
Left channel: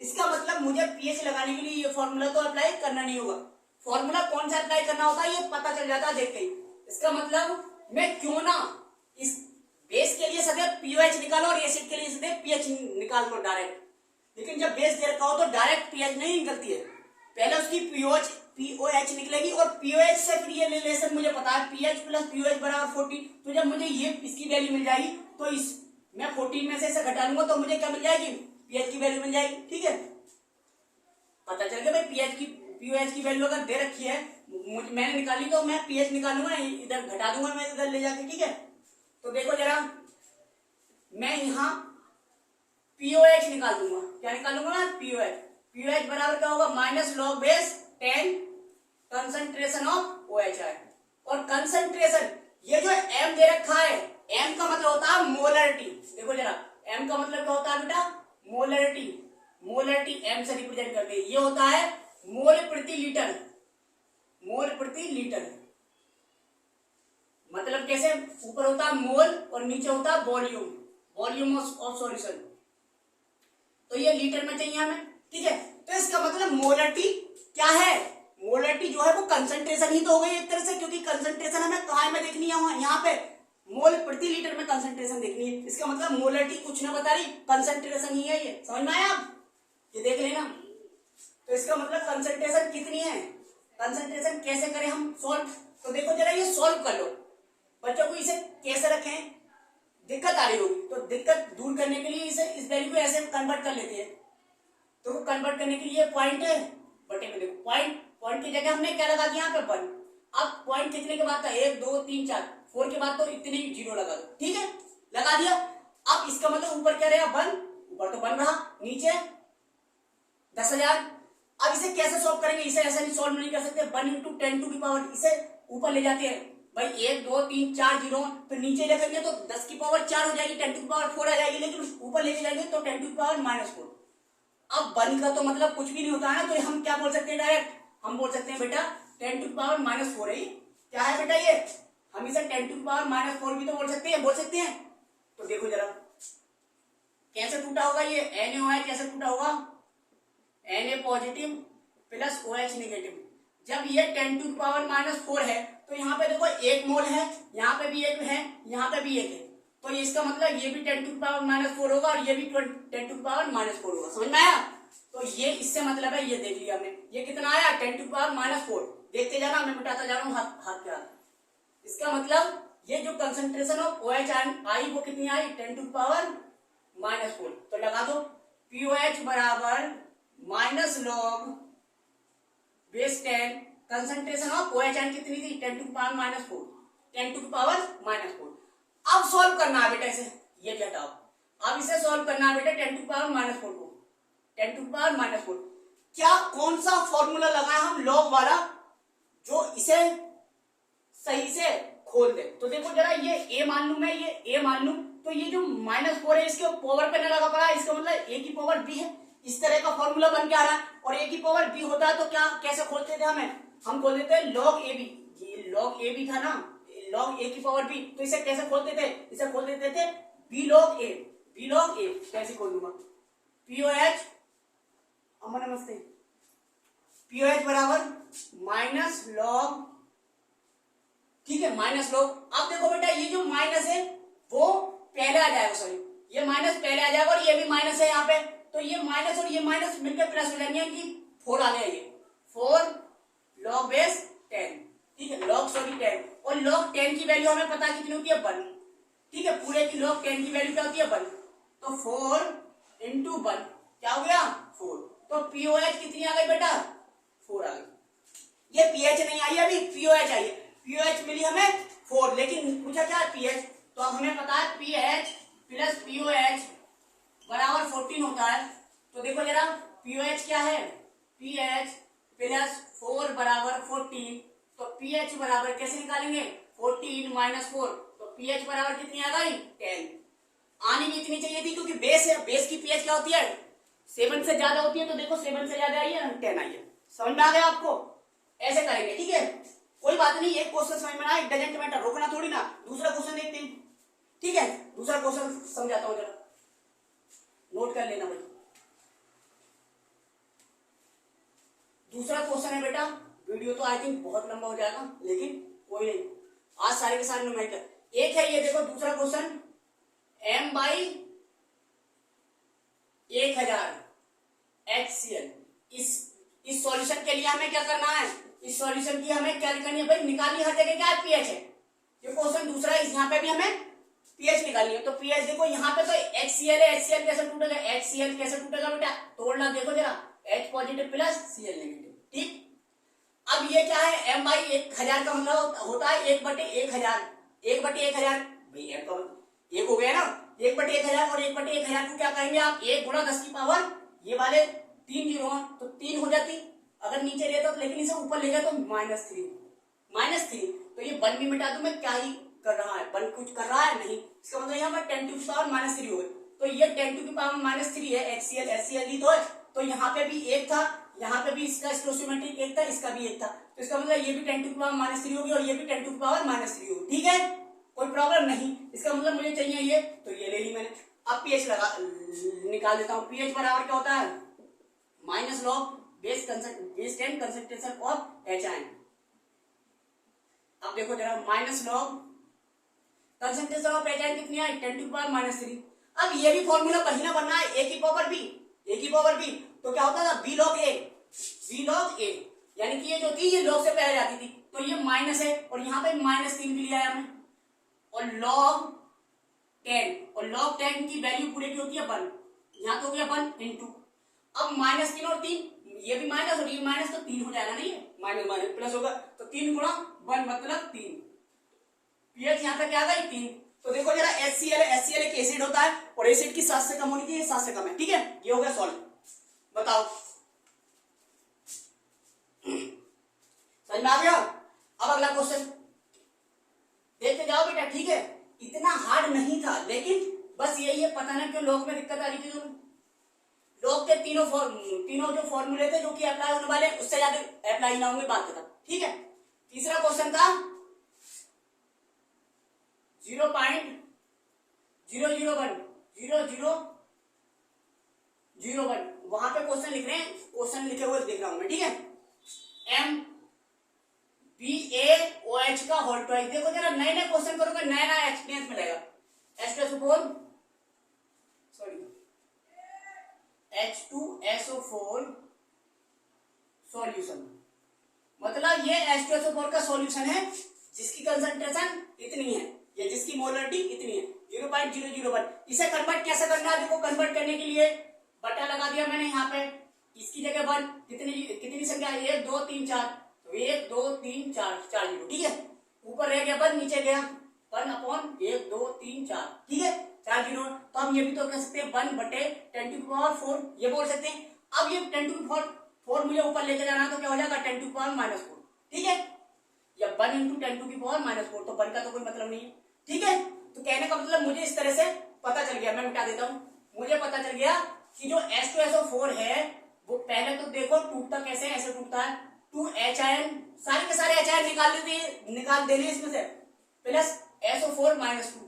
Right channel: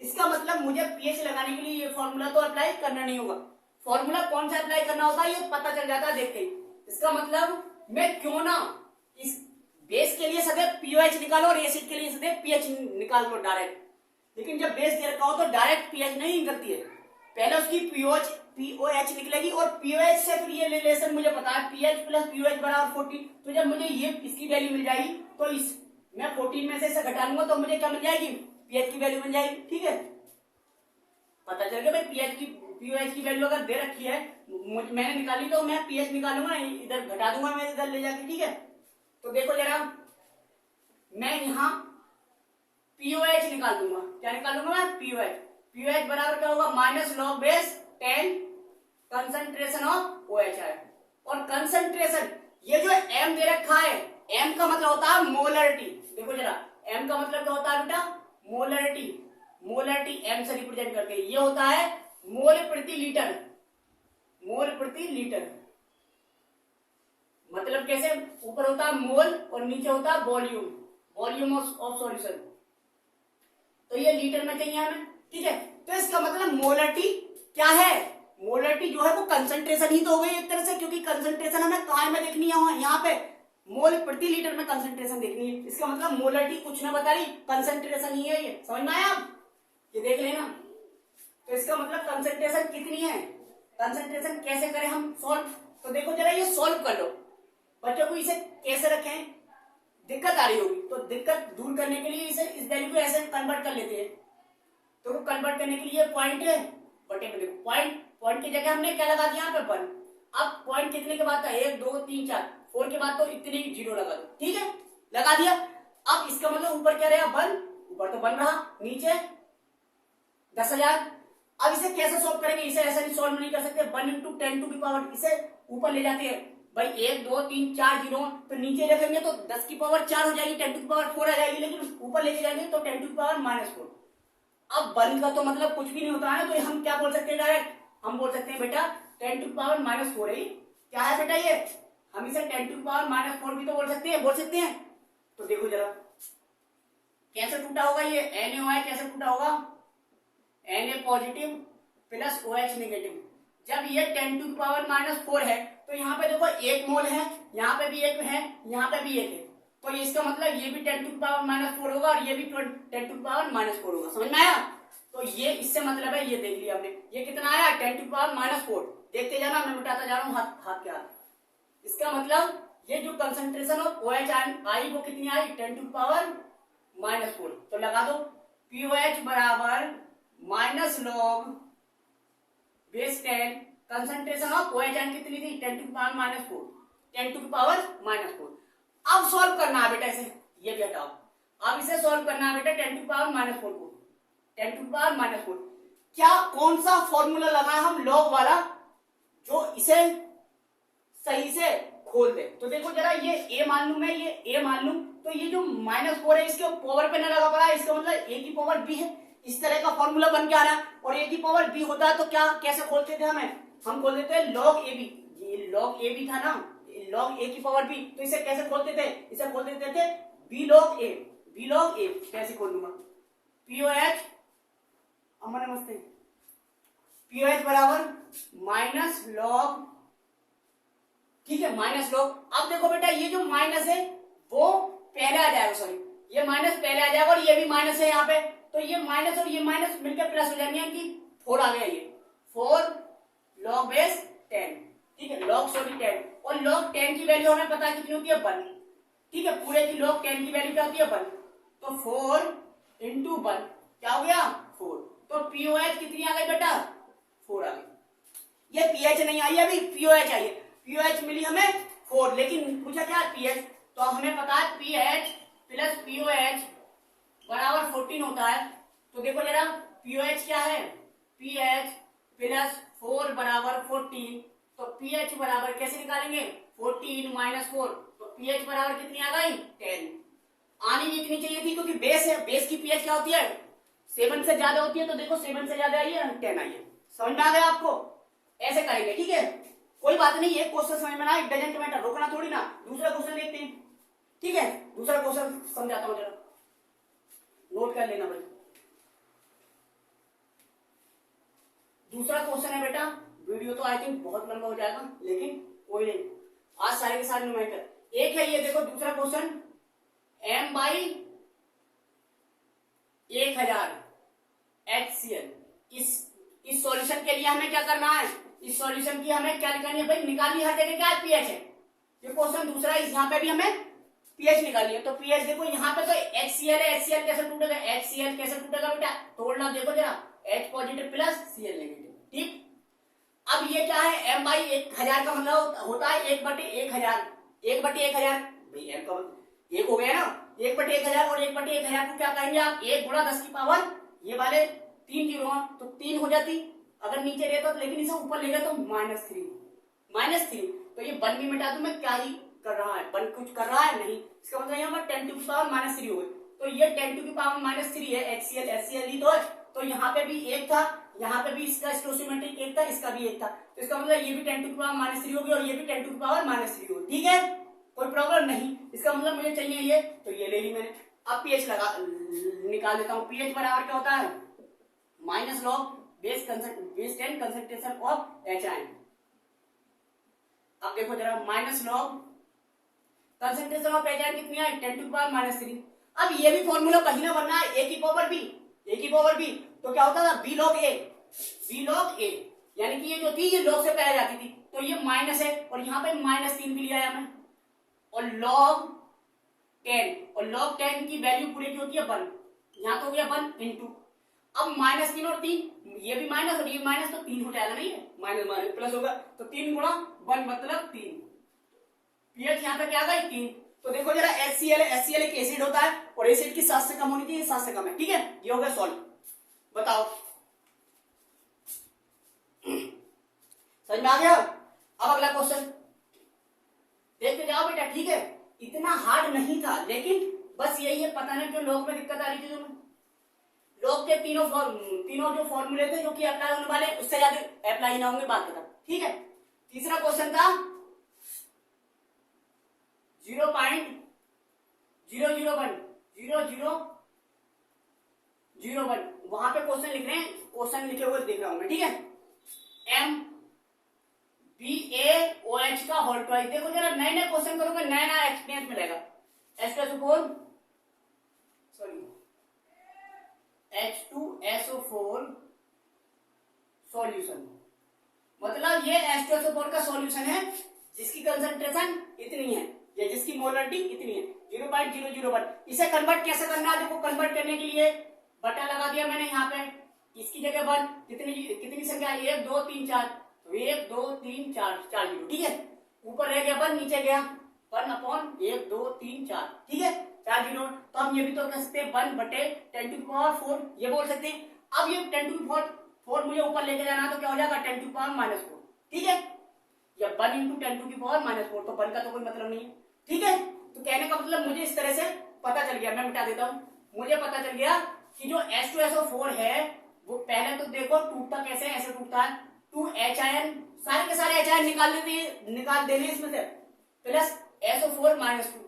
इसका मतलब मुझे पीएच लगाने के लिए ये फॉर्मूला तो अप्लाई करना नहीं होगा। फॉर्मूला कौन सा अप्लाई करना होता है ये पता चल जाता है देखते ही। इसका मतलब मैं क्यों ना इस बेस के लिए सदैव पीओएच निकालो और एसिड के लिए सदैव पीएच निकाल लो डायरेक्ट। लेकिन जब बेस दे रखा हो तो डायरेक्ट पीएच नहीं निकलती है, पहले उसकी पीओएच निकलेगी और पीओएच से फिर ये रिलेशन मुझे पता है, पीएच प्लस पीओएच बराबर 40। तो जब मुझे ये इसकी वैल्यू मिल जाएगी तो इस मैं 14 में से इसे घटा लूंगा तो मुझे क्या मिल जाएगी, पीएच की वैल्यू मिल जाएगी। ठीक है, पता चल गया भाई पीओएच की वैल्यू अगर दे रखी है मैंने निकाली तो मैं पीएच निकालूंगा, इधर घटा दूंगा मैं इधर ले जाके। ठीक है, तो देखो जरा मैं यहाँ पीओएच निकाल दूंगा, क्या निकालूंगा मैं, पीओएच बराबर क्या होगा, -log10 कंसंट्रेशन ऑफ OH है। और कंसंट्रेशन ये जो M दे रखा है, M का मतलब होता है मोलरिटी। देखो जरा M का मतलब क्या होता है बेटा, मोलरिटी। मोलरिटी M से रिप्रेजेंट करते हैं, ये होता है मोल प्रति लीटर। मोल प्रति लीटर मतलब कैसे, ऊपर होता है मोल और नीचे होता है वॉल्यूम ऑफ सॉल्यूशन। तो ये लीटर में चाहिए हमें। ठीक है, तो इसका मतलब मोलरिटी क्या है, मोलरिटी जो है वो कंसंट्रेशन ही तो हो गई एक तरह से, क्योंकि कंसंट्रेशन हमें कहाँ में देखनी है, यहाँ पे मोल प्रति लीटर में कंसंट्रेशन देखनी है। इसका मतलब मोलरिटी कुछ नहीं बता रही, कंसंट्रेशन ही है, ये समझ में आया आप, ये देख लेना। तो इसका मतलब कंसंट्रेशन कितनी है, कंसंट्रेशन कैसे करें हम सॉल्व, तो देखो जरा ये सॉल्व कर लो। बच्चों को इसे कैसे रखें, दिक्कत आ रही होगी तो दिक्कत दूर करने के लिए इसे इस वैल्यू को ऐसे कन्वर्ट कर लेते हैं। तो कन्वर्ट करने के लिए पॉइंट है बटे में, देखो पॉइंट की जगह हमने क्या लगा दिया यहाँ पे 1। अब पॉइंट कितने के बाद था, 1 2 3 4 4 के बाद तो इतनी 0 लगा दो। ठीक है, लगा दिया। अब इसका मतलब ऊपर क्या रहेगा 1, ऊपर तो 1 रहा, नीचे 10,000। अब इसे कैसे सॉल्व करेंगे, इसे ऐसे नहीं सॉल्व नहीं कर सकते, 1 × 10⁻⁴ इसे ऊपर ले जाते हैं भाई, 1 2 3 4 0, तो नीचे रखेंगे तो 10⁻⁴ हो जाएगी, 10⁻⁴ आ जाएगी, लेकिन ऊपर ले जाएंगे तो 10⁻⁻⁴। अब 1 का तो मतलब कुछ भी नहीं होता है, तो हम क्या बोल सकते हैं, डायरेक्ट हम बोल सकते हैं बेटा 10⁻⁻⁴ है, क्या है बेटा ये, हम इसे 10⁻⁻⁴ भी तो बोल सकते हैं। तो देखो जरा कैसे टूटा होगा ये NaOH, कैसे टूटा होगा, Na positive plus OH negative. जब ये 10⁻⁻⁴ है तो यहाँ पे देखो 1 मोल है, यहाँ पे भी 1 है, यहाँ पे भी 1 है, तो इसका मतलब ये भी 10⁻⁻⁴ होगा और ये भी 10 टू पावर -4 होगा। समझ में आया? तो ये इससे मतलब है, ये देख लिया हमने, ये कितना आया 10 टू पावर -4। देखते जाना, मैं मिटाता जा रहा हूँ हाथ के हाथ। इसका मतलब ये जो कंसंट्रेशन ऑफ OH आई वो कितनी आई 10 टू पावर -4। तो लगा दो POH बराबर -log base 10, concentration of OH कितनी थी 10 टू पावर -4, 10 टू पावर -4। अब सॉल्व करना है बेटा इसे, ये भी हटाओ। अब इसे सॉल्व करना है बेटा 10 टू पावर -4 को, 10 टू पावर -4। क्या कौन सा फॉर्मूला लगाया हम लॉग वाला जो इसे सही से खोल दे? तो देखो जरा, ये a मान लू मैं, ये a मान लू, तो ये जो -4 है इसके पावर पे न लगा पड़ा, इसका मतलब a की पावर b है। इस तरह का फॉर्मूला बन के आ रहा है, और a की पावर b होता है तो क्या कैसे खोलते थे हम खोल देते हैं log ab। ये log ab था ना, log a की पावर b, तो इसे कैसे खोलते थे? इसे खोल देते थे b log a, b log a। कैसे खोल दूंगा? POH, अमर नमस्ते, POH बराबर -log, ठीक है, -log। अब देखो बेटा, ये जो माइनस है वो पहले आ जाएगा, सॉरी ये माइनस पहले आ जाएगा, और ये भी माइनस है यहाँ पे, तो ये माइनस और ये माइनस मिलकर प्लस हो जाएंगे, कि 4 आ गया, ये 4 log बेस 10, ठीक है, log सॉरी 10, और log 10 की वैल्यू हमें पता है कितनी होती है 1, ठीक है, पूरे की log 10 की वैल्यू क्या होती है 1, तो 4 इंटू 1 क्या हो गया 4। तो POH कितनी आ गई बेटा 4 आ गई। ये PH नहीं आई है अभी, POH आई है। POH मिली हमें 4, लेकिन पूछा क्या PH, तो अब हमें पता है PH प्लस POH बराबर 14 होता है। तो देखो जरा, POH क्या है, PH प्लस 4 बराबर 14, तो PH बराबर कैसे निकालेंगे 14 माइनस 4, तो PH बराबर कितनी आ गई 10। आनी भी इतनी चाहिए थी, क्योंकि बेस है, बेस की PH क्या होती है 7 से ज्यादा होती है, तो देखो 7 से ज्यादा आई है 10 आई है। समझ में आ गया आपको? ऐसे करेंगे, ठीक है, कोई बात नहीं, एक क्वेश्चन समझ में आया, इट डजंट मैटर, रोकना थोड़ी ना। दूसरा क्वेश्चन देखते हैं, ठीक है, दूसरा क्वेश्चन समझाता हूं, जरा नोट कर लेना भाई। दूसरा क्वेश्चन है बेटा, वीडियो तो आई थिंक बहुत लंबा हो जाएगा, लेकिन कोई नहीं, आज सारे के सारे न्यूमेरिकल एक है। ये देखो दूसरा क्वेश्चन, m/1000 HCl। इस सॉल्यूशन के लिए हमें क्या करना है, इस सॉल्यूशन की हमें क्या निकालनी है भाई, निकालनी हर जगह क्या है पीएच है। ये क्वेश्चन दूसरा है, यहाँ पे भी हमें पीएच निकालनी है। तो पीएच देखो यहाँ पे तो HCl है, HCl कैसे टूटेगा, HCl कैसे टूटेगा बेटा, तोड़ना देखो जरा, H positive plus Cl negative, ठीक। अब ये क्या है, m/1000 का मतलब होता है 1/1000, 1/1000 भाई, m का एक हो गया ना, 1/1000, और 1/1000 को क्या करेंगे आप, 1 गुणा 10 की पावर, ये वाले 3 जीरो तो 3 हो जाती, अगर नीचे रहता तो, लेकिन इसे ऊपर ले गया तो -3, तो ये 1 भी मिटा दूं मैं, क्या ही कर रहा है, 1 कुछ कर रहा है नहीं, इसका मतलब यहाँ पर 10 टू की पावर -3 हो गई। तो ये 10 टू की पावर -3 है, HCl दी तो यहाँ पे भी 1 था, यहाँ पे भी इसका स्टोसियोमेट्रिक 1 था, इसका भी 1 था, तो इसका मतलब ये भी 10 टू की पावर -3 होगी, और ये भी 10 टू की पावर -3 होगी, ठीक है, कोई प्रॉब्लम नहीं। इसका मतलब मुझे चाहिए ये, तो ये ले ली मैंने। अब पीएच निकाल देता हूँ, पीएच बराबर क्या होता है, -log base 10 concentration of HI। अब देखो जरा, -log कंसंट्रेशन ऑफ HI कितनी है 10 टू पावर -3। अब ये भी फॉर्मूला कहीं ना बनना है, a की पावर b, तो क्या होता था b log a, यानी कि ये जो थी ये log से पहले जाती थी, तो ये माइनस है, और यहाँ पे -3 भी लिया है हमने, और log 10 की वैल्यू पूरे की होती है 1, यहाँ तो हो गया 1 इंटू, अब -3 और 3, ये भी माइनस और ये माइनस, तो 3 हो जाएगा ना, ये माइनस माइनस प्लस होगा, तो 3 गुणा 1 मतलब 3, पीएच यहाँ तक आ गई 3। तो देखो जरा, HCl एक एसिड होता है, और एसिड की 7 से कम होनी चाहिए, 7 से कम है, ठीक है, ये हो गया सॉल्व। बताओ समझ में आ गया? अब अगला क्वेश्चन देखते जाओ बेटा, ठीक है, इतना हार्ड नहीं था, लेकिन बस यही है, पता नहीं क्यों लोग में दिक्कत आ रही थी। लोग के तीनों जो फॉर्मूले थे जो कि अप्लाई होने वाले, उससे ज्यादा अप्लाई ना होंगे, बात खत्म, ठीक है। तीसरा क्वेश्चन था 0.00100001, वहां पे क्वेश्चन लिख रहे हैं, क्वेश्चन लिखे हुए देख रहा हूं मैं, ठीक है। MbAOH का होल ट्वाइस, देखो जरा, नए नए क्वेश्चन करोगे, नया नया एक्सपीरियंस मिलेगा। H2SO4 सॉल्यूशन, मतलब ये H2SO4 का सॉल्यूशन है जिसकी कंसंट्रेशन इतनी है या जिसकी मोलरिटी इतनी है 0.001। इसे कन्वर्ट कैसे करना है, देखो कन्वर्ट करने के लिए बटन लगा दिया मैंने यहाँ पे, इसकी जगह 1, कितनी संख्या है 1 2 3 4, तो 1 2 3 4 4 जीरो, ठीक है। ऊपर रह गया 1, नीचे गया 1/1 2 3 4, ठीक है 4 जीरो। तो हम ये भी तो कह सकते हैं 1/10⁴ ये बोल सकते हैं। अब ये 10⁴ मुझे ऊपर लेके जाना तो क्या हो जाएगा 10⁻⁻4, ठीक है, या 1 × 10⁻⁴, तो 1 का तो कोई मतलब नहीं है, ठीक है। तो कहने का मतलब मुझे इस तरह से पता चल गया, मैं मिटा देता हूं, मुझे पता चल गया कि जो H2SO4 है वो पहले तो देखो टूटता कैसे, ऐसे टूटता है 2H सारे के सारे H निकाल देने इसमें से, प्लस SO4 -2,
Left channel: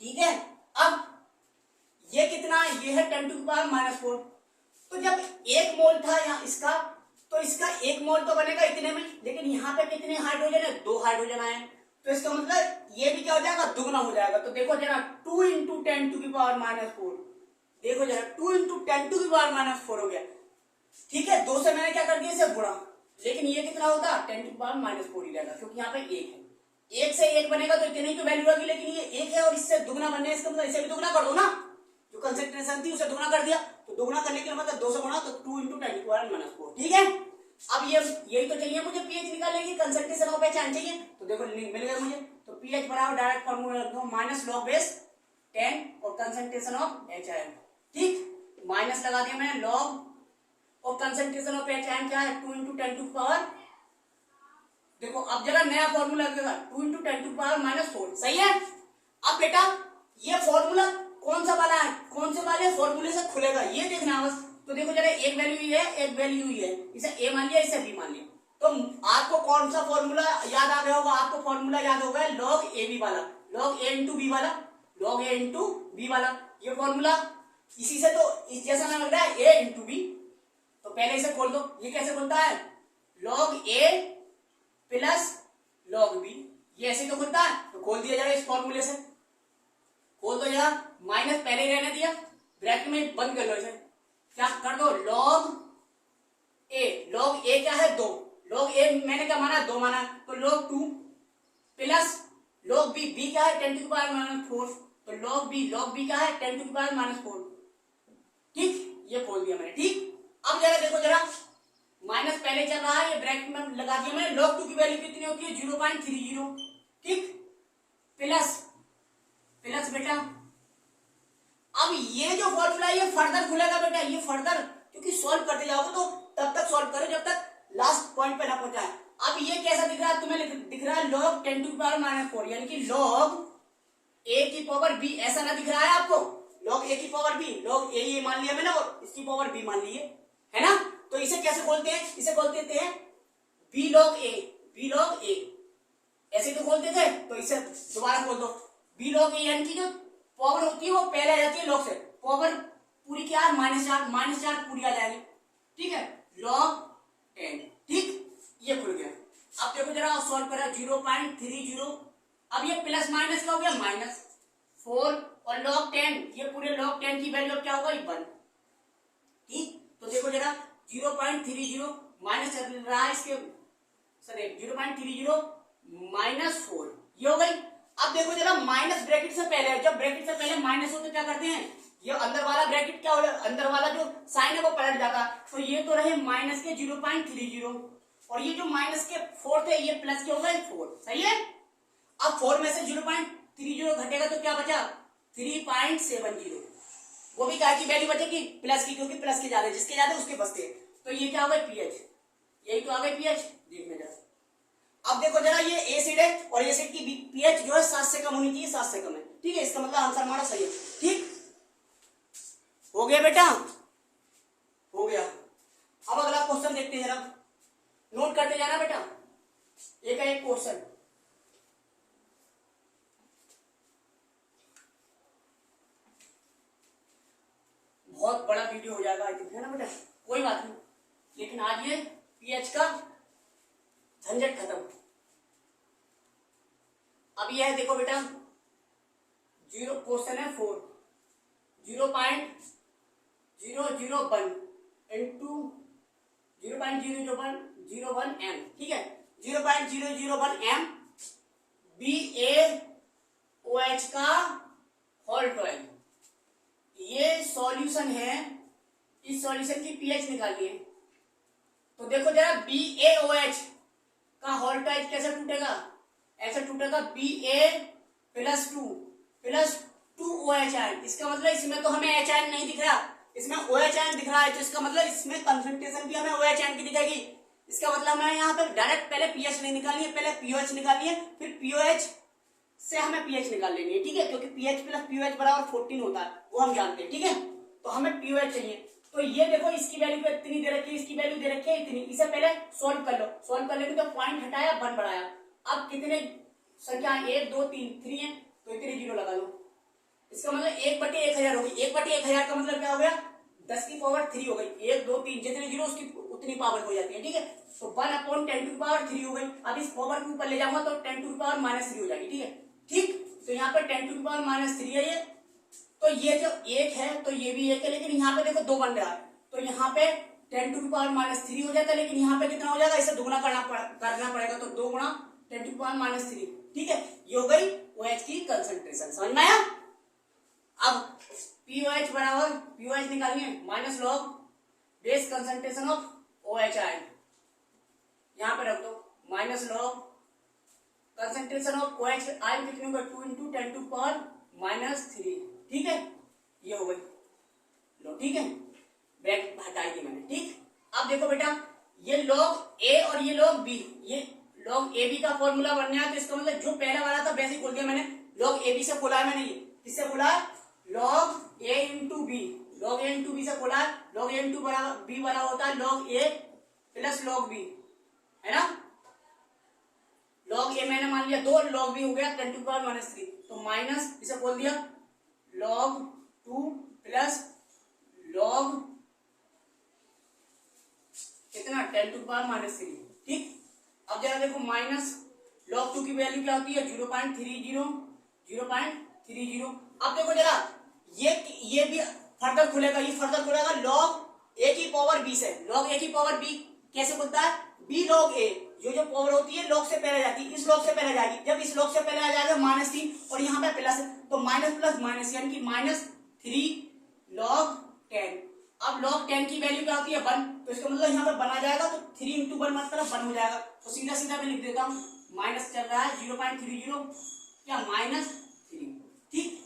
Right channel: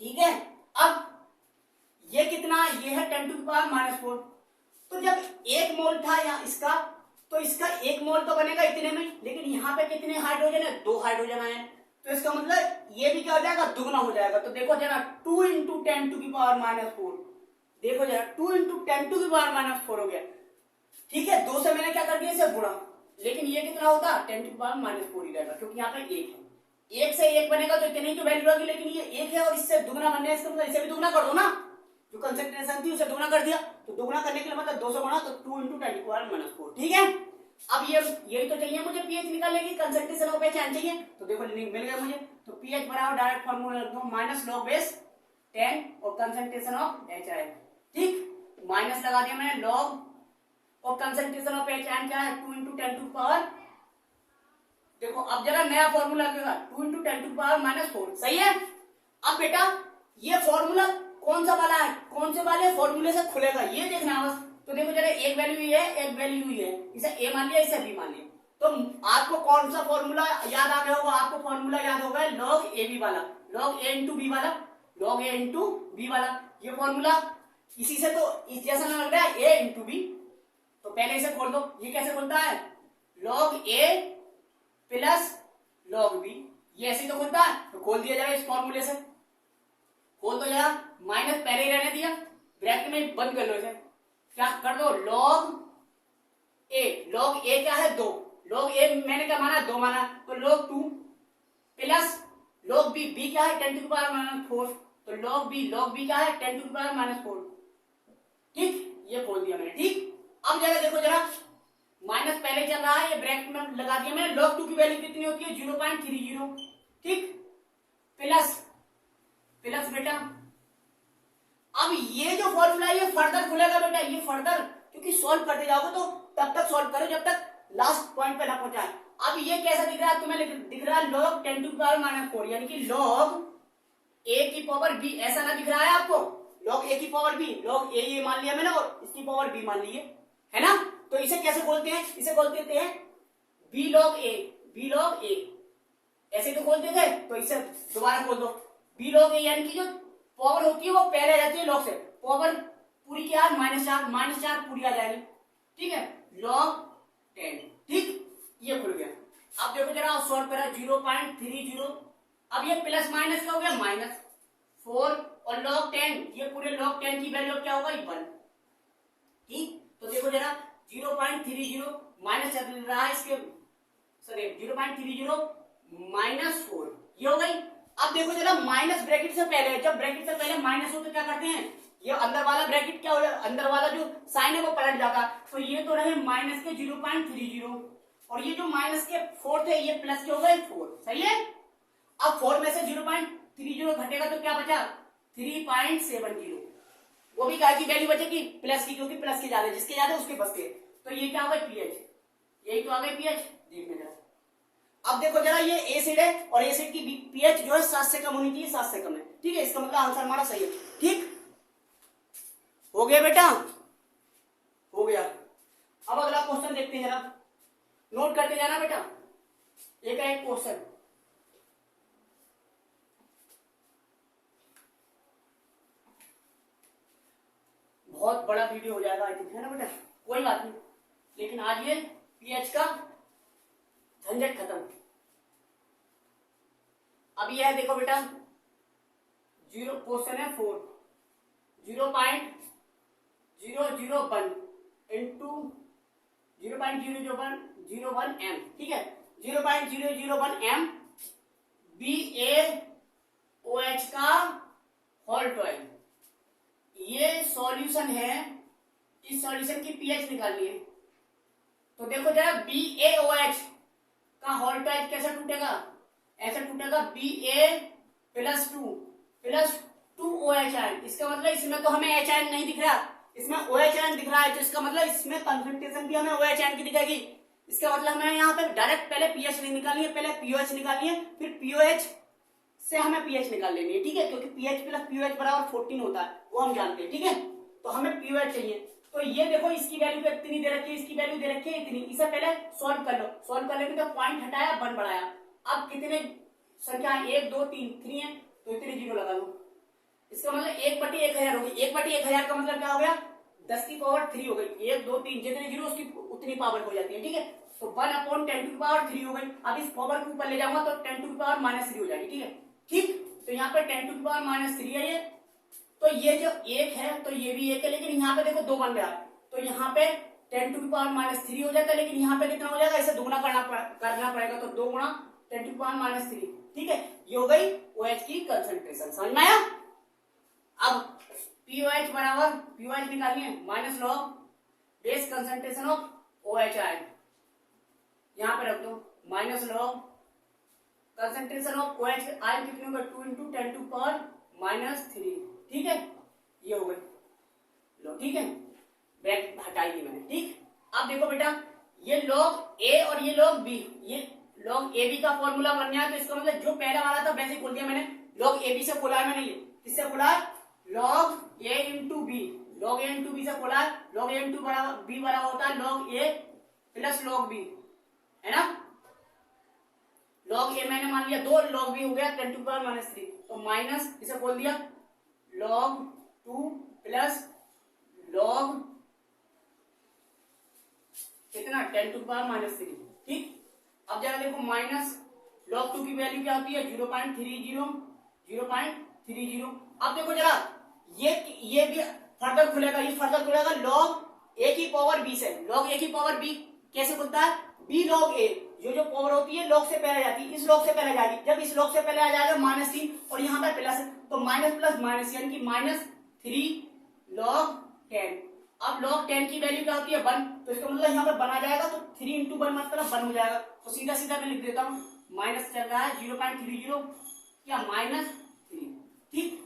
ठीक है। अब ये कितना, ये है 10⁻⁴, तो जब 1 मोल था यहाँ इसका, तो इसका 1 मोल तो बनेगा इतने में, लेकिन यहाँ पे कितने हाइड्रोजन है, 2 हाइड्रोजन आए, तो इसका मतलब ये भी क्या हो जाएगा, दुगना हो जाएगा। तो देखो जरा 2 × 10⁻⁴, देखो जरा 2 × 10⁻⁴ हो गया, ठीक है। 2 से मैंने क्या कर दिया इसे गुणा, लेकिन ये कितना होगा 10⁻⁴ ही रहेगा, क्योंकि यहाँ पे 1 है, 1 से 1 बनेगा तो इतनी तो वैल्यू होगी, लेकिन ये 1 है और इससे दुगना बनने, इसका मतलब इसे भी दुगना कर दो ना, जो कंसंट्रेशन थी उसे दुगना कर दिया, तो दुगना करने के मतलब 2 से गुणा, तो 2 × 10⁻⁴, ठीक है। अब यही तो चाहिए मुझे, पीएच निकालने की, कंसंट्रेशन ऑफ पहचान चाहिए, तो देखो मिल गया मुझे। तो पीएच बराबर डायरेक्ट फॉर्मूला रख दो -log⁻10 और कंसंट्रेशन ऑफ HIN, ठीक, माइनस लगा दिया मैंने लॉग और कंसंट्रेशन ऑफ HIN क्या है 2 × 10⁻⁴। देखो अब जरा नया फॉर्मूला लगेगा 2 × 10⁻⁴, सही है। अब बेटा ये फॉर्मूला कौन सा वाला है, कौन से वाले फॉर्मूले से खुलेगा ये देखना बस। तो देखो जरा एक वैल्यू ये है, एक वैल्यू ये है, इसे ए मान लिया, इसे बी मान लिया, तो आपको कौन सा फॉर्मूला याद आ गया होगा, आपको फॉर्मूला याद होगा log AB वाला, log A × B वाला, log A × B वाला, ये फॉर्मूला इसी से तो इस जैसा ना लग रहा है A × B, तो पहले इसे खोल दो। ये कैसे खुलता है, log A plus log B, ये ऐसे तो खुलता है, तो खोल दिया जाएगा इस फॉर्मूले से, खोल दो यार, माइनस पहले ही रहने दिया, ब्रैकेट में बंद कर लो इसे, क्या कर दो log A क्या है 2, log A मैंने क्या माना 2 माना, तो log 2 प्लस log B क्या है 10⁻⁴, तो log B क्या है 10⁻⁴, ठीक, ये खोल दिया मैंने, ठीक। अब जरा देखो जरा, माइनस पहले चल रहा है, ये ब्रैकेट में लगा दिया मैंने, log 2 की वैल्यू कितनी होती है 0.30, ठीक, प्लस बेटा अब ये जो फॉर्मूला है ये फर्दर खुलेगा बेटा, ये फर्दर, क्योंकि सॉल्व करते जाओगे तो तब तक सॉल्व करो जब तक लास्ट पॉइंट पे ना पहुंचाए। अब ये कैसा दिख रहा है तुम्हें, दिख रहा है log 10⁻⁴, यानी कि log A की पावर B, ऐसा ना दिख रहा है आपको, log A की पावर B, log A ये मान लिया मैंने और इसकी पावर B मान ली है ना। तो इसे कैसे खोलते हैं, इसे खोल देते हैं B log A, ऐसे तो खोलते थे, तो इसे दोबारा खोल दो, B log A, यानी कि जो पावर होती है वो पहले आ जाती है log से, पावर पूरी क्या है -4 पूरी आ जाएगी, ठीक है, log 10, ठीक, ये खुल गया। अब देखो जरा सॉल्व करा 0.30, अब ये प्लस माइनस क्या हो गया -4 और log 10, ये पूरे log 10 की वैल्यू क्या होगा 1, ठीक। तो देखो जरा 0.30 माइनस चल रहा है इसके, सॉरी 0.30 -4, ये हो गई। अब देखो जरा माइनस ब्रैकेट से पहले, जब ब्रैकेट से पहले माइनस हो तो क्या करते हैं, ये अंदर वाला ब्रैकेट क्या हो जाता है, अंदर वाला जो साइन है वो पलट जाता है, तो ये तो रहे माइनस के 0.30 और ये जो माइनस के 4 थे ये प्लस के हो गए 4, सही है। अब 4 में से 0.30 घटेगा तो क्या बचा 3.70, वो भी क्या की वैल्यू बचेगी प्लस की, क्योंकि प्लस के ज्यादा, जिसके ज्यादा उसके बचते, तो ये क्या हो गई पीएच, यही तो आ गई पीएच, देखने जरा। अब देखो जरा ये एसिड है और एसिड की पीएच जो है 7 से कम होनी चाहिए, 7 से कम है, ठीक है, इसका मतलब आंसर हमारा सही है, ठीक हो गया बेटा, हो गया। अब अगला क्वेश्चन देखते हैं जरा, नोट करते जाना बेटा, एक है एक क्वेश्चन, बहुत बड़ा वीडियो हो जाएगा आई थिंक, है ना बेटा, कोई बात नहीं, लेकिन आज ये पीएच का झंझट खत्म। अब यह है देखो बेटा, क्वेश्चन है 4, 0.30 0.001 इंटू 0.001 एम, ठीक है, 0.001 एम BaOH का होल ट्वेल्व। ये सॉल्यूशन है, इस सॉल्यूशन की पीएच निकालनी है। तो देखो जरा BaOH का होल ट्वेल्व कैसे टूटेगा, ऐसे टूटेगा Ba+2 आयन। इसका मतलब इसमें तो हमें H आयन नहीं दिख रहा, इसमें OH आयन दिख रहा है, तो इसका मतलब इसमें कंसंट्रेशन भी हमें OH आयन की दिखेगी। इसका मतलब हमें यहाँ पे डायरेक्ट पहले पीएच नहीं निकालनी है, पहले पीओएच निकालनी है, फिर पीओएच से हमें पीएच निकाल लेनी है, ठीक है, क्योंकि पीएच प्लस पीओएच बराबर 14 होता है, वो हम जानते हैं, ठीक है। तो हमें पीओएच चाहिए। तो ये देखो इसकी वैल्यू पे इतनी दे रखी है, इसकी वैल्यू दे रखी है इतनी। इसे पहले सॉल्व कर लो, सॉल्व कर लेंगे तो पॉइंट हटाया 1 बढ़ाया। अब कितने संख्या 1 2 3 3 है, तो इतने जीरो लगा लो। इसका मतलब 1/1000 होगी। 1/1000 का मतलब क्या हो गया, 10 की पावर 3 हो गई। 1 2 3 जितने जीरो उसकी उतनी पावर हो जाती है, ठीक है। तो 1/10⁻³ हो गई। अब इस पावर के ऊपर ले जाऊंगा तो 10⁻³ हो जाएगी, ठीक है। ठीक, तो यहाँ पे 10⁻³ है ये। तो ये जो 1 है तो ये भी 1 है, लेकिन यहाँ पे देखो 2 बन रहा है, तो यहाँ पे 10⁻³ हो जाता है, लेकिन यहाँ पे कितना हो जाएगा, इसे दुगना करना पड़ेगा, तो 2 गुणा 10⁻³, ठीक है। ये हो गई OH की कंसंट्रेशन, समझ में आया। अब POH बराबर POH निकालिए minus log base concentration of OH ion, यहां पे रख दो minus log concentration of OH ion कितने होगा, 2 इंटू 10⁻⁻3, ठीक है। ये हो गई लो, ठीक है, बैक हटाई दी मैंने, ठीक। अब देखो बेटा, ये लॉग A और ये लॉग B, ये लॉग AB का फॉर्मूला बनना है, तो इसका मतलब जो पहला वाला था वैसे ही खोल दिया मैंने। लॉग AB से खोला है मैंने, ये किससे खोला है, log A into B, log A into B से खोला है। लॉग A इंटू B बराबर होता है log A plus log B, है ना। लॉग A मैंने मान लिया 2, लॉग B हो गया 10⁻⁻3, तो माइनस इसे खोल दिया log 2 प्लस log कितना 10⁻⁻3, ठीक। अब जरा देखो माइनस log 2 की वैल्यू क्या होती है, 0.30। अब देखो जरा ये भी फर्दर खुलेगा, ये फर्दर खुलेगा log A की पावर B से। log A की पावर B कैसे खुलता है, B log A, जो पावर होती है log से पहले जाती है, इस log से पहले जाएगी। जब इस log से पहले आ जाएगा -3 और यहाँ पे प्लस, तो माइनस प्लस माइनस यानी कि -3 log 10। अब log 10 की वैल्यू क्या होती है 1, तो इसका मतलब यहाँ पे बना जाएगा, तो 3 इंटू 1 मतलब 1 हो जाएगा। तो सीधा सीधा मैं लिख देता हूँ, माइनस चल रहा है 0.30 क्या -3, ठीक।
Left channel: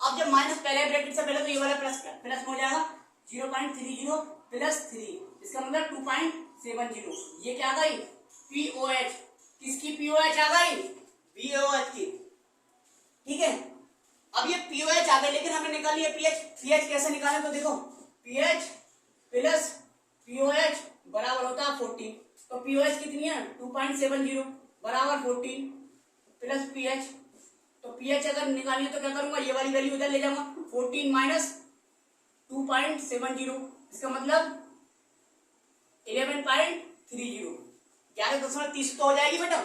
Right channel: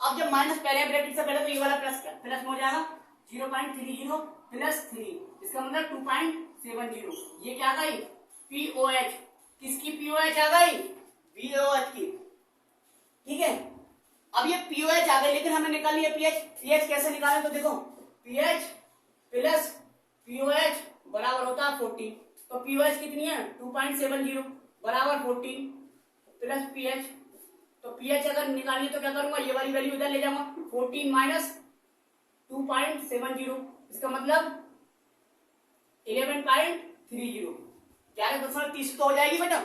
अब जब माइनस पहले ब्रैकेट से पहले, तो ये वाला प्लस हो जाएगा 0.30 प्लस 3, इसका मतलब 2.70। ये क्या आ गई POH, किसकी POH आ गई, BaOH की, ठीक है। अब ये POH आ गई, लेकिन हमें निकालनी है pH कैसे निकालें, तो देखो pH प्लस POH बराबर होता है 14, तो POH कितनी है 2.70 बराबर 14 प्लस pH, तो pH अगर निकालनी है तो क्या करूंगा, ये वाली वैल्यू इधर ले जाऊंगा, 14 माइनस 2.70, इसका मतलब 11.30, 11.30 तो हो जाएगी बेटा,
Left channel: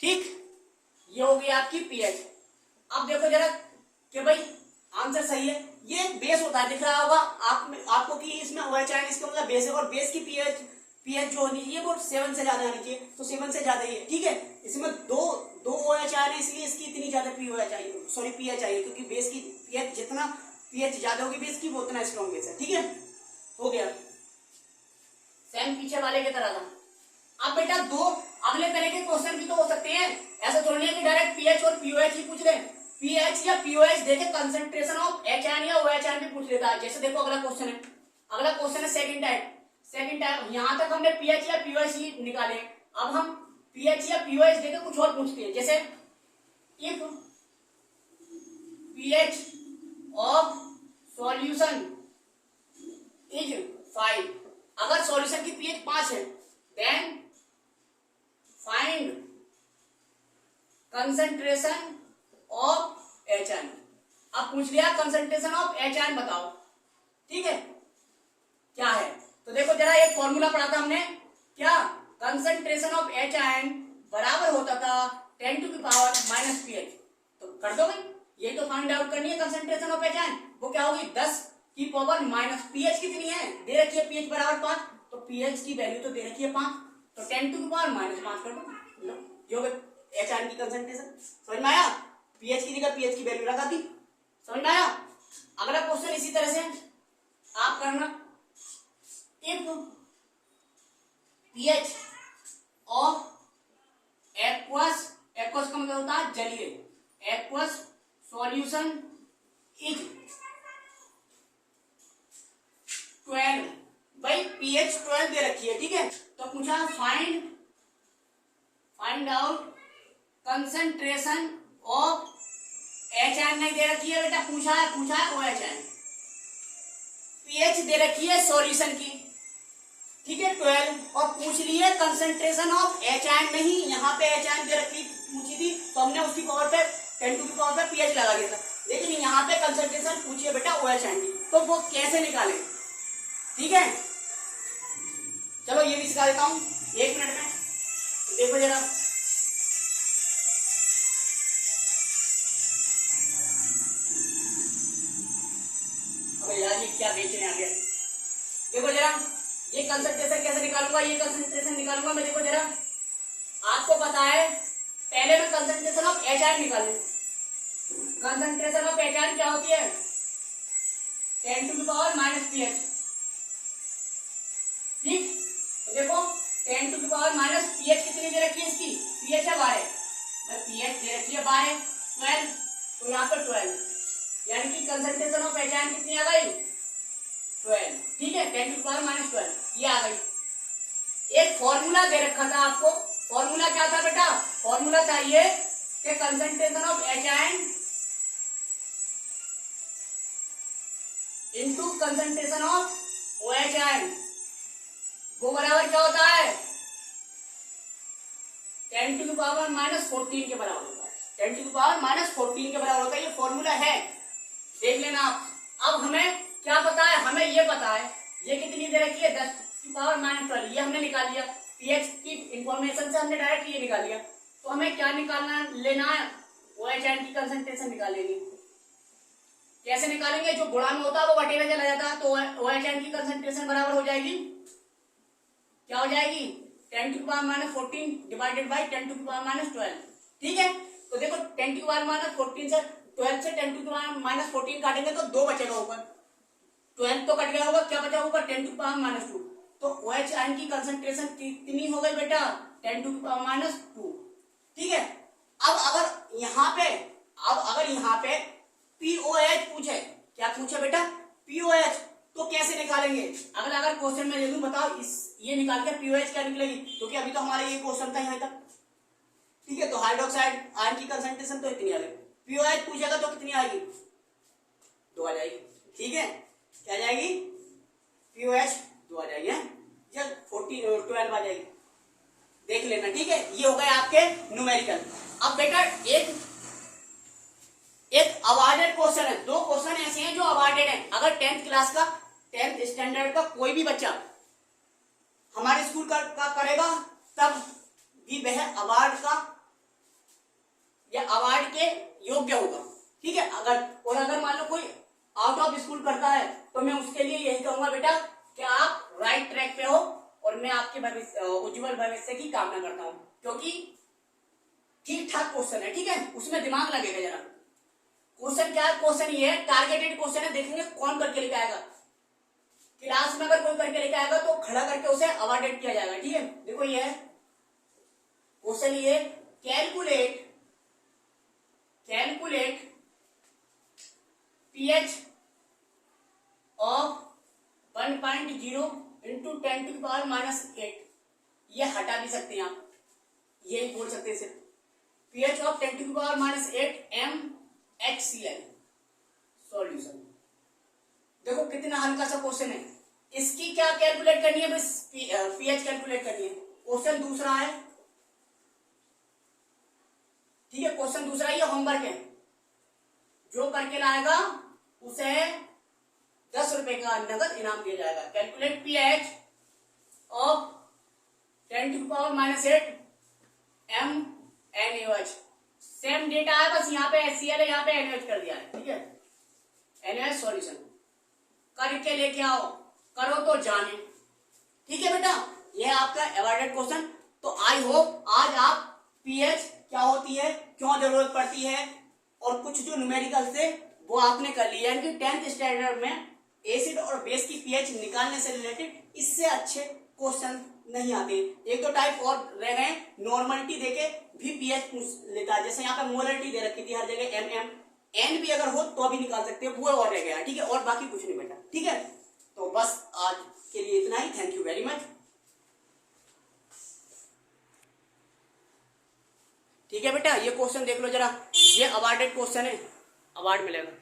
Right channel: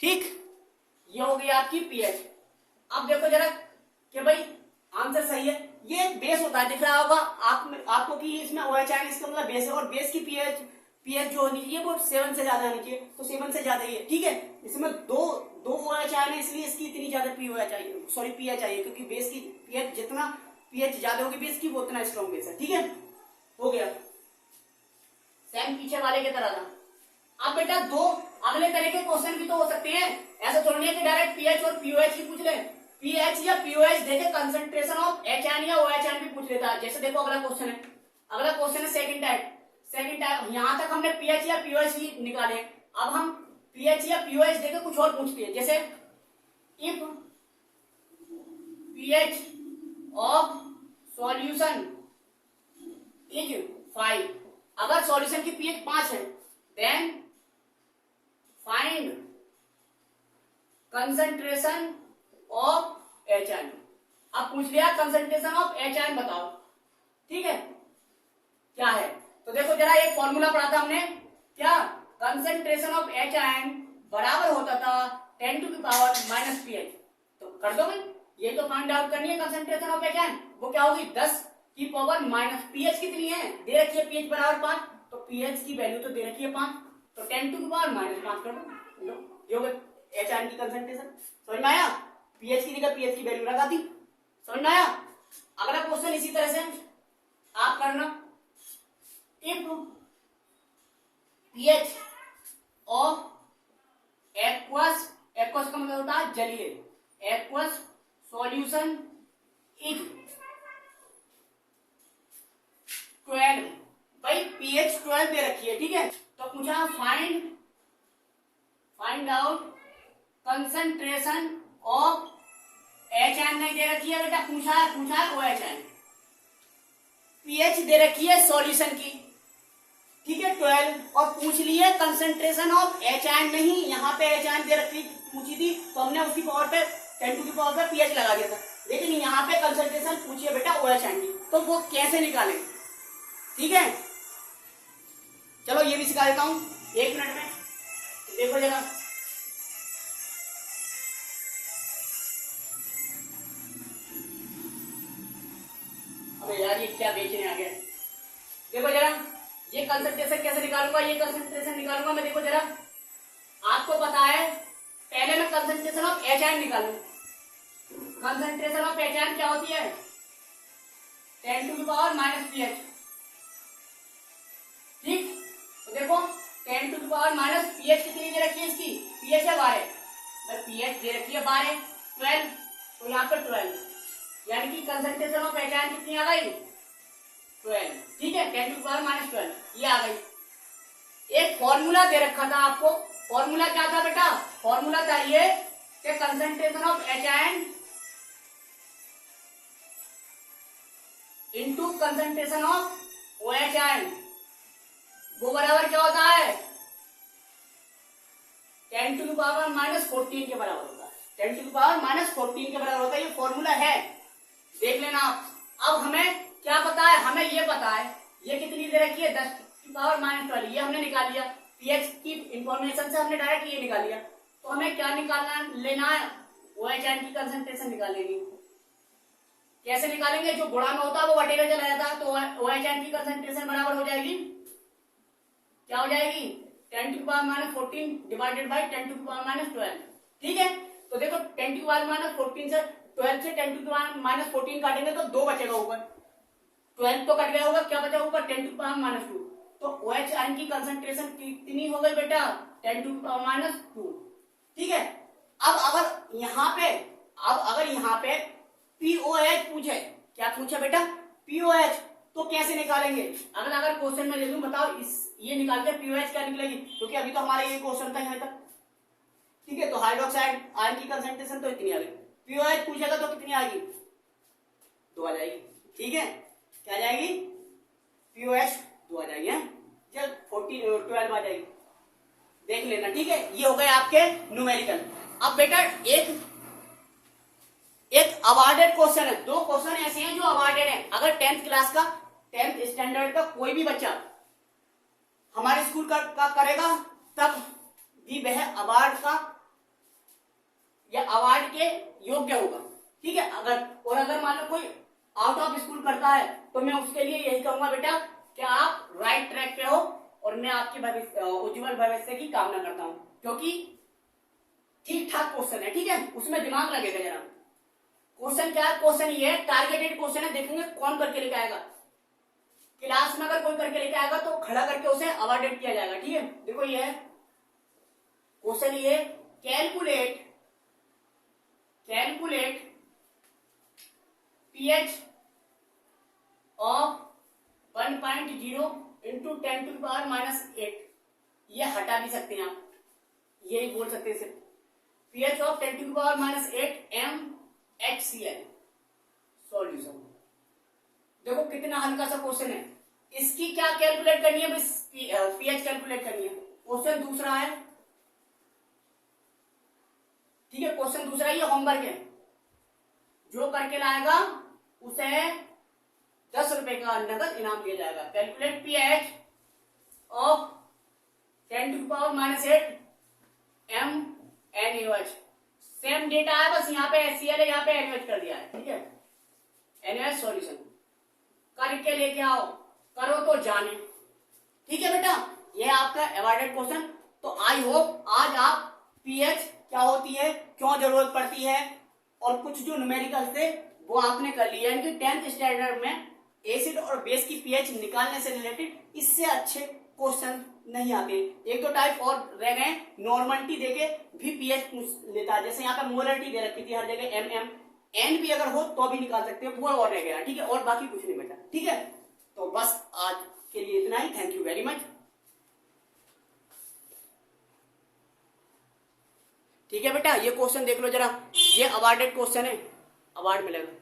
ठीक। ये हो गई आपकी pH। अब देखो जरा कि भाई आंसर सही है, ये बेस होता है, दिख रहा होगा आपको कि इसमें OH आयन, इसका मतलब बेस है, और बेस की pH जो होनी चाहिए वो 7 से ज्यादा आनी चाहिए, तो 7 से ज्यादा ही है, ठीक है। इसमें दो OH आयन है, इसलिए इसकी इतनी ज्यादा pH चाहिए, क्योंकि बेस की pH जितना pH ज्यादा होगी बेस की, वो उतना स्ट्रॉन्ग बेस है, ठीक है। हो गया, सेम पीछे वाले की तरह था। अब बेटा दो अगले तरह के क्वेश्चन भी तो हो सकते हैं, ऐसा थोड़ी नहीं कि डायरेक्ट पीएच और पीओएच ही पूछ ले, पीएच या पीओएच देके कंसंट्रेशन ऑफ एच आयन या ओएच आयन भी पूछ लेता है। जैसे देखो अगला क्वेश्चन है सेकंड टाइप, यहां तक हमने पीएच या पीओएच ही निकाले। अब हम पीएच या पीओएच देके कुछ और पूछते हैं, जैसे if pH of solution is 5, अगर सॉल्यूशन की पीएच 5 है, then find concentration of H ion. अब पूछ लिया कंसंट्रेशन ऑफ एच आयन बताओ, ठीक है, क्या है। तो देखो जरा एक फॉर्मूला पढ़ा था हमने, क्या कंसंट्रेशन ऑफ एच आयन बराबर होता था 10⁻⁻⁻⁻, तो कर दो भाई, ये तो फाइंड आउट करनी है कंसंट्रेशन ऑफ एच आयन, वो क्या होगी 10 की पावर माइनस, पीएच कितनी है दे रखी है, पीएच बराबर 5, तो पीएच की वैल्यू तो दे रखी है 5, तो 10 टू द पावर माइनस 5 कर दो, ये हो गया एच आयन की कंसंट्रेशन। समझ में आया? पीएच की जगह पीएच की वैल्यू लगा दी। समझ में आया? अगला क्वेश्चन इसी तरह से आप करना, if pH of aqueous, aqueous का मतलब होता है जलीय, एक्वस सॉल्यूशन इज 12, भाई पीएच 12 दे रखी है, ठीक है, तो पूछा find out concentration of H ion नहीं दे रखी है बेटा, पूछा है ओ एच आयन, पीएच दे रखी है सॉल्यूशन की, ठीक है 12, और पूछ ली है कंसंट्रेशन ऑफ एच आयन, नहीं यहाँ पे एच आयन दे रखी पूछी थी तो हमने उसकी पावर पे 10 टू द पावर पे पीएच लगा दिया था, लेकिन यहाँ पे कंसंट्रेशन पूछी है बेटा ओ एच आयन की, तो वो कैसे निकाले, ठीक है। चलो ये भी सिखा देता हूं 1 मिनट में, देखो जरा, अबे यार ये क्या बेचने आ गया, देखो जरा ये कंसंट्रेशन कैसे निकालूंगा, ये कंसंट्रेशन निकालूंगा मैं, देखो जरा आपको पता है पहले मैं कंसंट्रेशन ऑफ एच आयन निकालू, कंसंट्रेशन ऑफ एच आयन क्या होती है 10 to the power minus pH, ठीक, तो देखो 10 to the power minus pH कितनी दे रखी है इसकी, पीएच है 12, पीएच दे रखी है 12, तो यहाँ पर 12, यानी कि कंसंट्रेशन ऑफ एच आयन कितनी आ गई 12, ठीक है 10 टू द पावर माइनस 12 ये आ गई। एक फॉर्मूला दे रखा था आपको, फॉर्मूला क्या था बेटा, फॉर्मूला चाहिए कि concentration of H ion into concentration of O H ion, वो बराबर क्या होता है 10 टू द पावर माइनस 14 के बराबर होता है, 10 टू द पावर माइनस 14 के बराबर होता है, ये फॉर्मूला है, देख लेना आप। अब हमें क्या पता है, हमें ये पता है ये कितनी दे रखी है 10 टू द पावर माइनस 12, ये हमने निकाल लिया, पीएच की इंफॉर्मेशन से हमने डायरेक्ट ये निकाल लिया, तो हमें क्या निकालना लेना है ओ एच आयन की कंसंट्रेशन निकाल लेनी। कैसे निकालेंगे, जो गुणा में होता है वो बटे में चला जाता है, तो ओ एच आयन की कंसंट्रेशन बराबर हो जाएगी, क्या हो जाएगी 10 to the power minus 14 divided by 10 to the power minus 12, ठीक है, तो देखो 10 टू द पावर माइनस 14 से 12 से 10 टू द पावर माइनस 14 काटेंगे तो 2 बचेगा ऊपर, 12 तो कट गया होगा, क्या बचा ऊपर 10 टू द पावर माइनस 2, तो ओ एच आयन की कंसंट्रेशन कितनी हो गई बेटा 10 टू द पावर माइनस 2, ठीक है। अब अगर यहाँ पे पीओएच पूछे, क्या पूछे बेटा पीओएच, तो कैसे निकालेंगे, अगर क्वेश्चन में दे दूं बताओ इस ये निकाल के पीओएच क्या निकलेगी, क्योंकि अभी तो हमारा ये क्वेश्चन था यहाँ तक, ठीक है, तो हाइड्रोक्साइड आयन की कंसंट्रेशन तो इतनी आ गई, पीओएच पूछेगा तो कितनी आएगी 2 आ जाएगी, ठीक है, क्या आ जाएगी पीओएच 2 आ जाएगी, जब 12 आ जाएगी, देख लेना, ठीक है, ये हो गए आपके न्यूमेरिकल। अब बेटा एक अवार्डेड क्वेश्चन है, 2 क्वेश्चन ऐसे हैं जो अवार्डेड हैं, अगर 10th क्लास का 10th स्टैंडर्ड का कोई भी बच्चा हमारे स्कूल का करेगा तब भी वह अवार्ड के योग्य होगा, ठीक है, अगर मान लो कोई आउट ऑफ स्कूल करता है तो मैं उसके लिए यही कहूंगा बेटा कि आप राइट ट्रैक पे हो, और मैं आपके उज्जवल भविष्य की कामना करता हूं, क्योंकि ठीक ठाक क्वेश्चन है, ठीक है, उसमें दिमाग लगेगा जरा। क्वेश्चन क्या है, क्वेश्चन ये है टारगेटेड क्वेश्चन है, देखेंगे कौन करके लेके आएगा, क्लास में अगर कोई करके लेके आएगा तो खड़ा करके उसे अवार्डेड किया जाएगा, ठीक है। देखो ये है क्वेश्चन, ये calculate pH of 1.0 into 10 to the power minus 8, ये हटा भी सकते हैं आप, यही बोल सकते हैं सिर्फ pH of 10 to the power minus 8 MHCl solution. देखो कितना हल्का सा क्वेश्चन है, इसकी क्या कैलकुलेट करनी है, बस पीएच कैलकुलेट करनी है। क्वेश्चन दूसरा है, ठीक है, क्वेश्चन दूसरा ये होमवर्क है, जो करके लाएगा उसे 10 रुपए का नगद इनाम दिया जाएगा। Calculate pH of 10 to the power minus 8 MnOH, same data है, बस यहाँ पे HCl है, यहाँ पे NaOH कर दिया है, ठीक है, NaOH सॉल्यूशन करके लेके आओ, करो तो जाने। ठीक है बेटा, ये आपका अवॉइडेड क्वेश्चन। तो आई होप आज आप पीएच क्या होती है, क्यों जरूरत पड़ती है, और कुछ जो न्यूमेरिकल थे वो आपने कर लिया। यानी कि 10th स्टैंडर्ड में एसिड और बेस की पीएच निकालने से रिलेटेड इससे अच्छे क्वेश्चन नहीं आते। एक दो टाइप और रह गए, नॉर्मलिटी देके भी पीएच पूछ लेता है, जैसे यहाँ पर मोलरिटी दे रखी थी हर जगह एम एन भी अगर हो तो भी निकाल सकते हो, वो और रह गया। ठीक है, और बाकी कुछ नहीं बेटा। ठीक है, तो बस आज के लिए इतना ही। Thank you very much. ठीक है बेटा, ये क्वेश्चन देख लो जरा, ये अवार्डेड क्वेश्चन है, अवार्ड मिलेगा।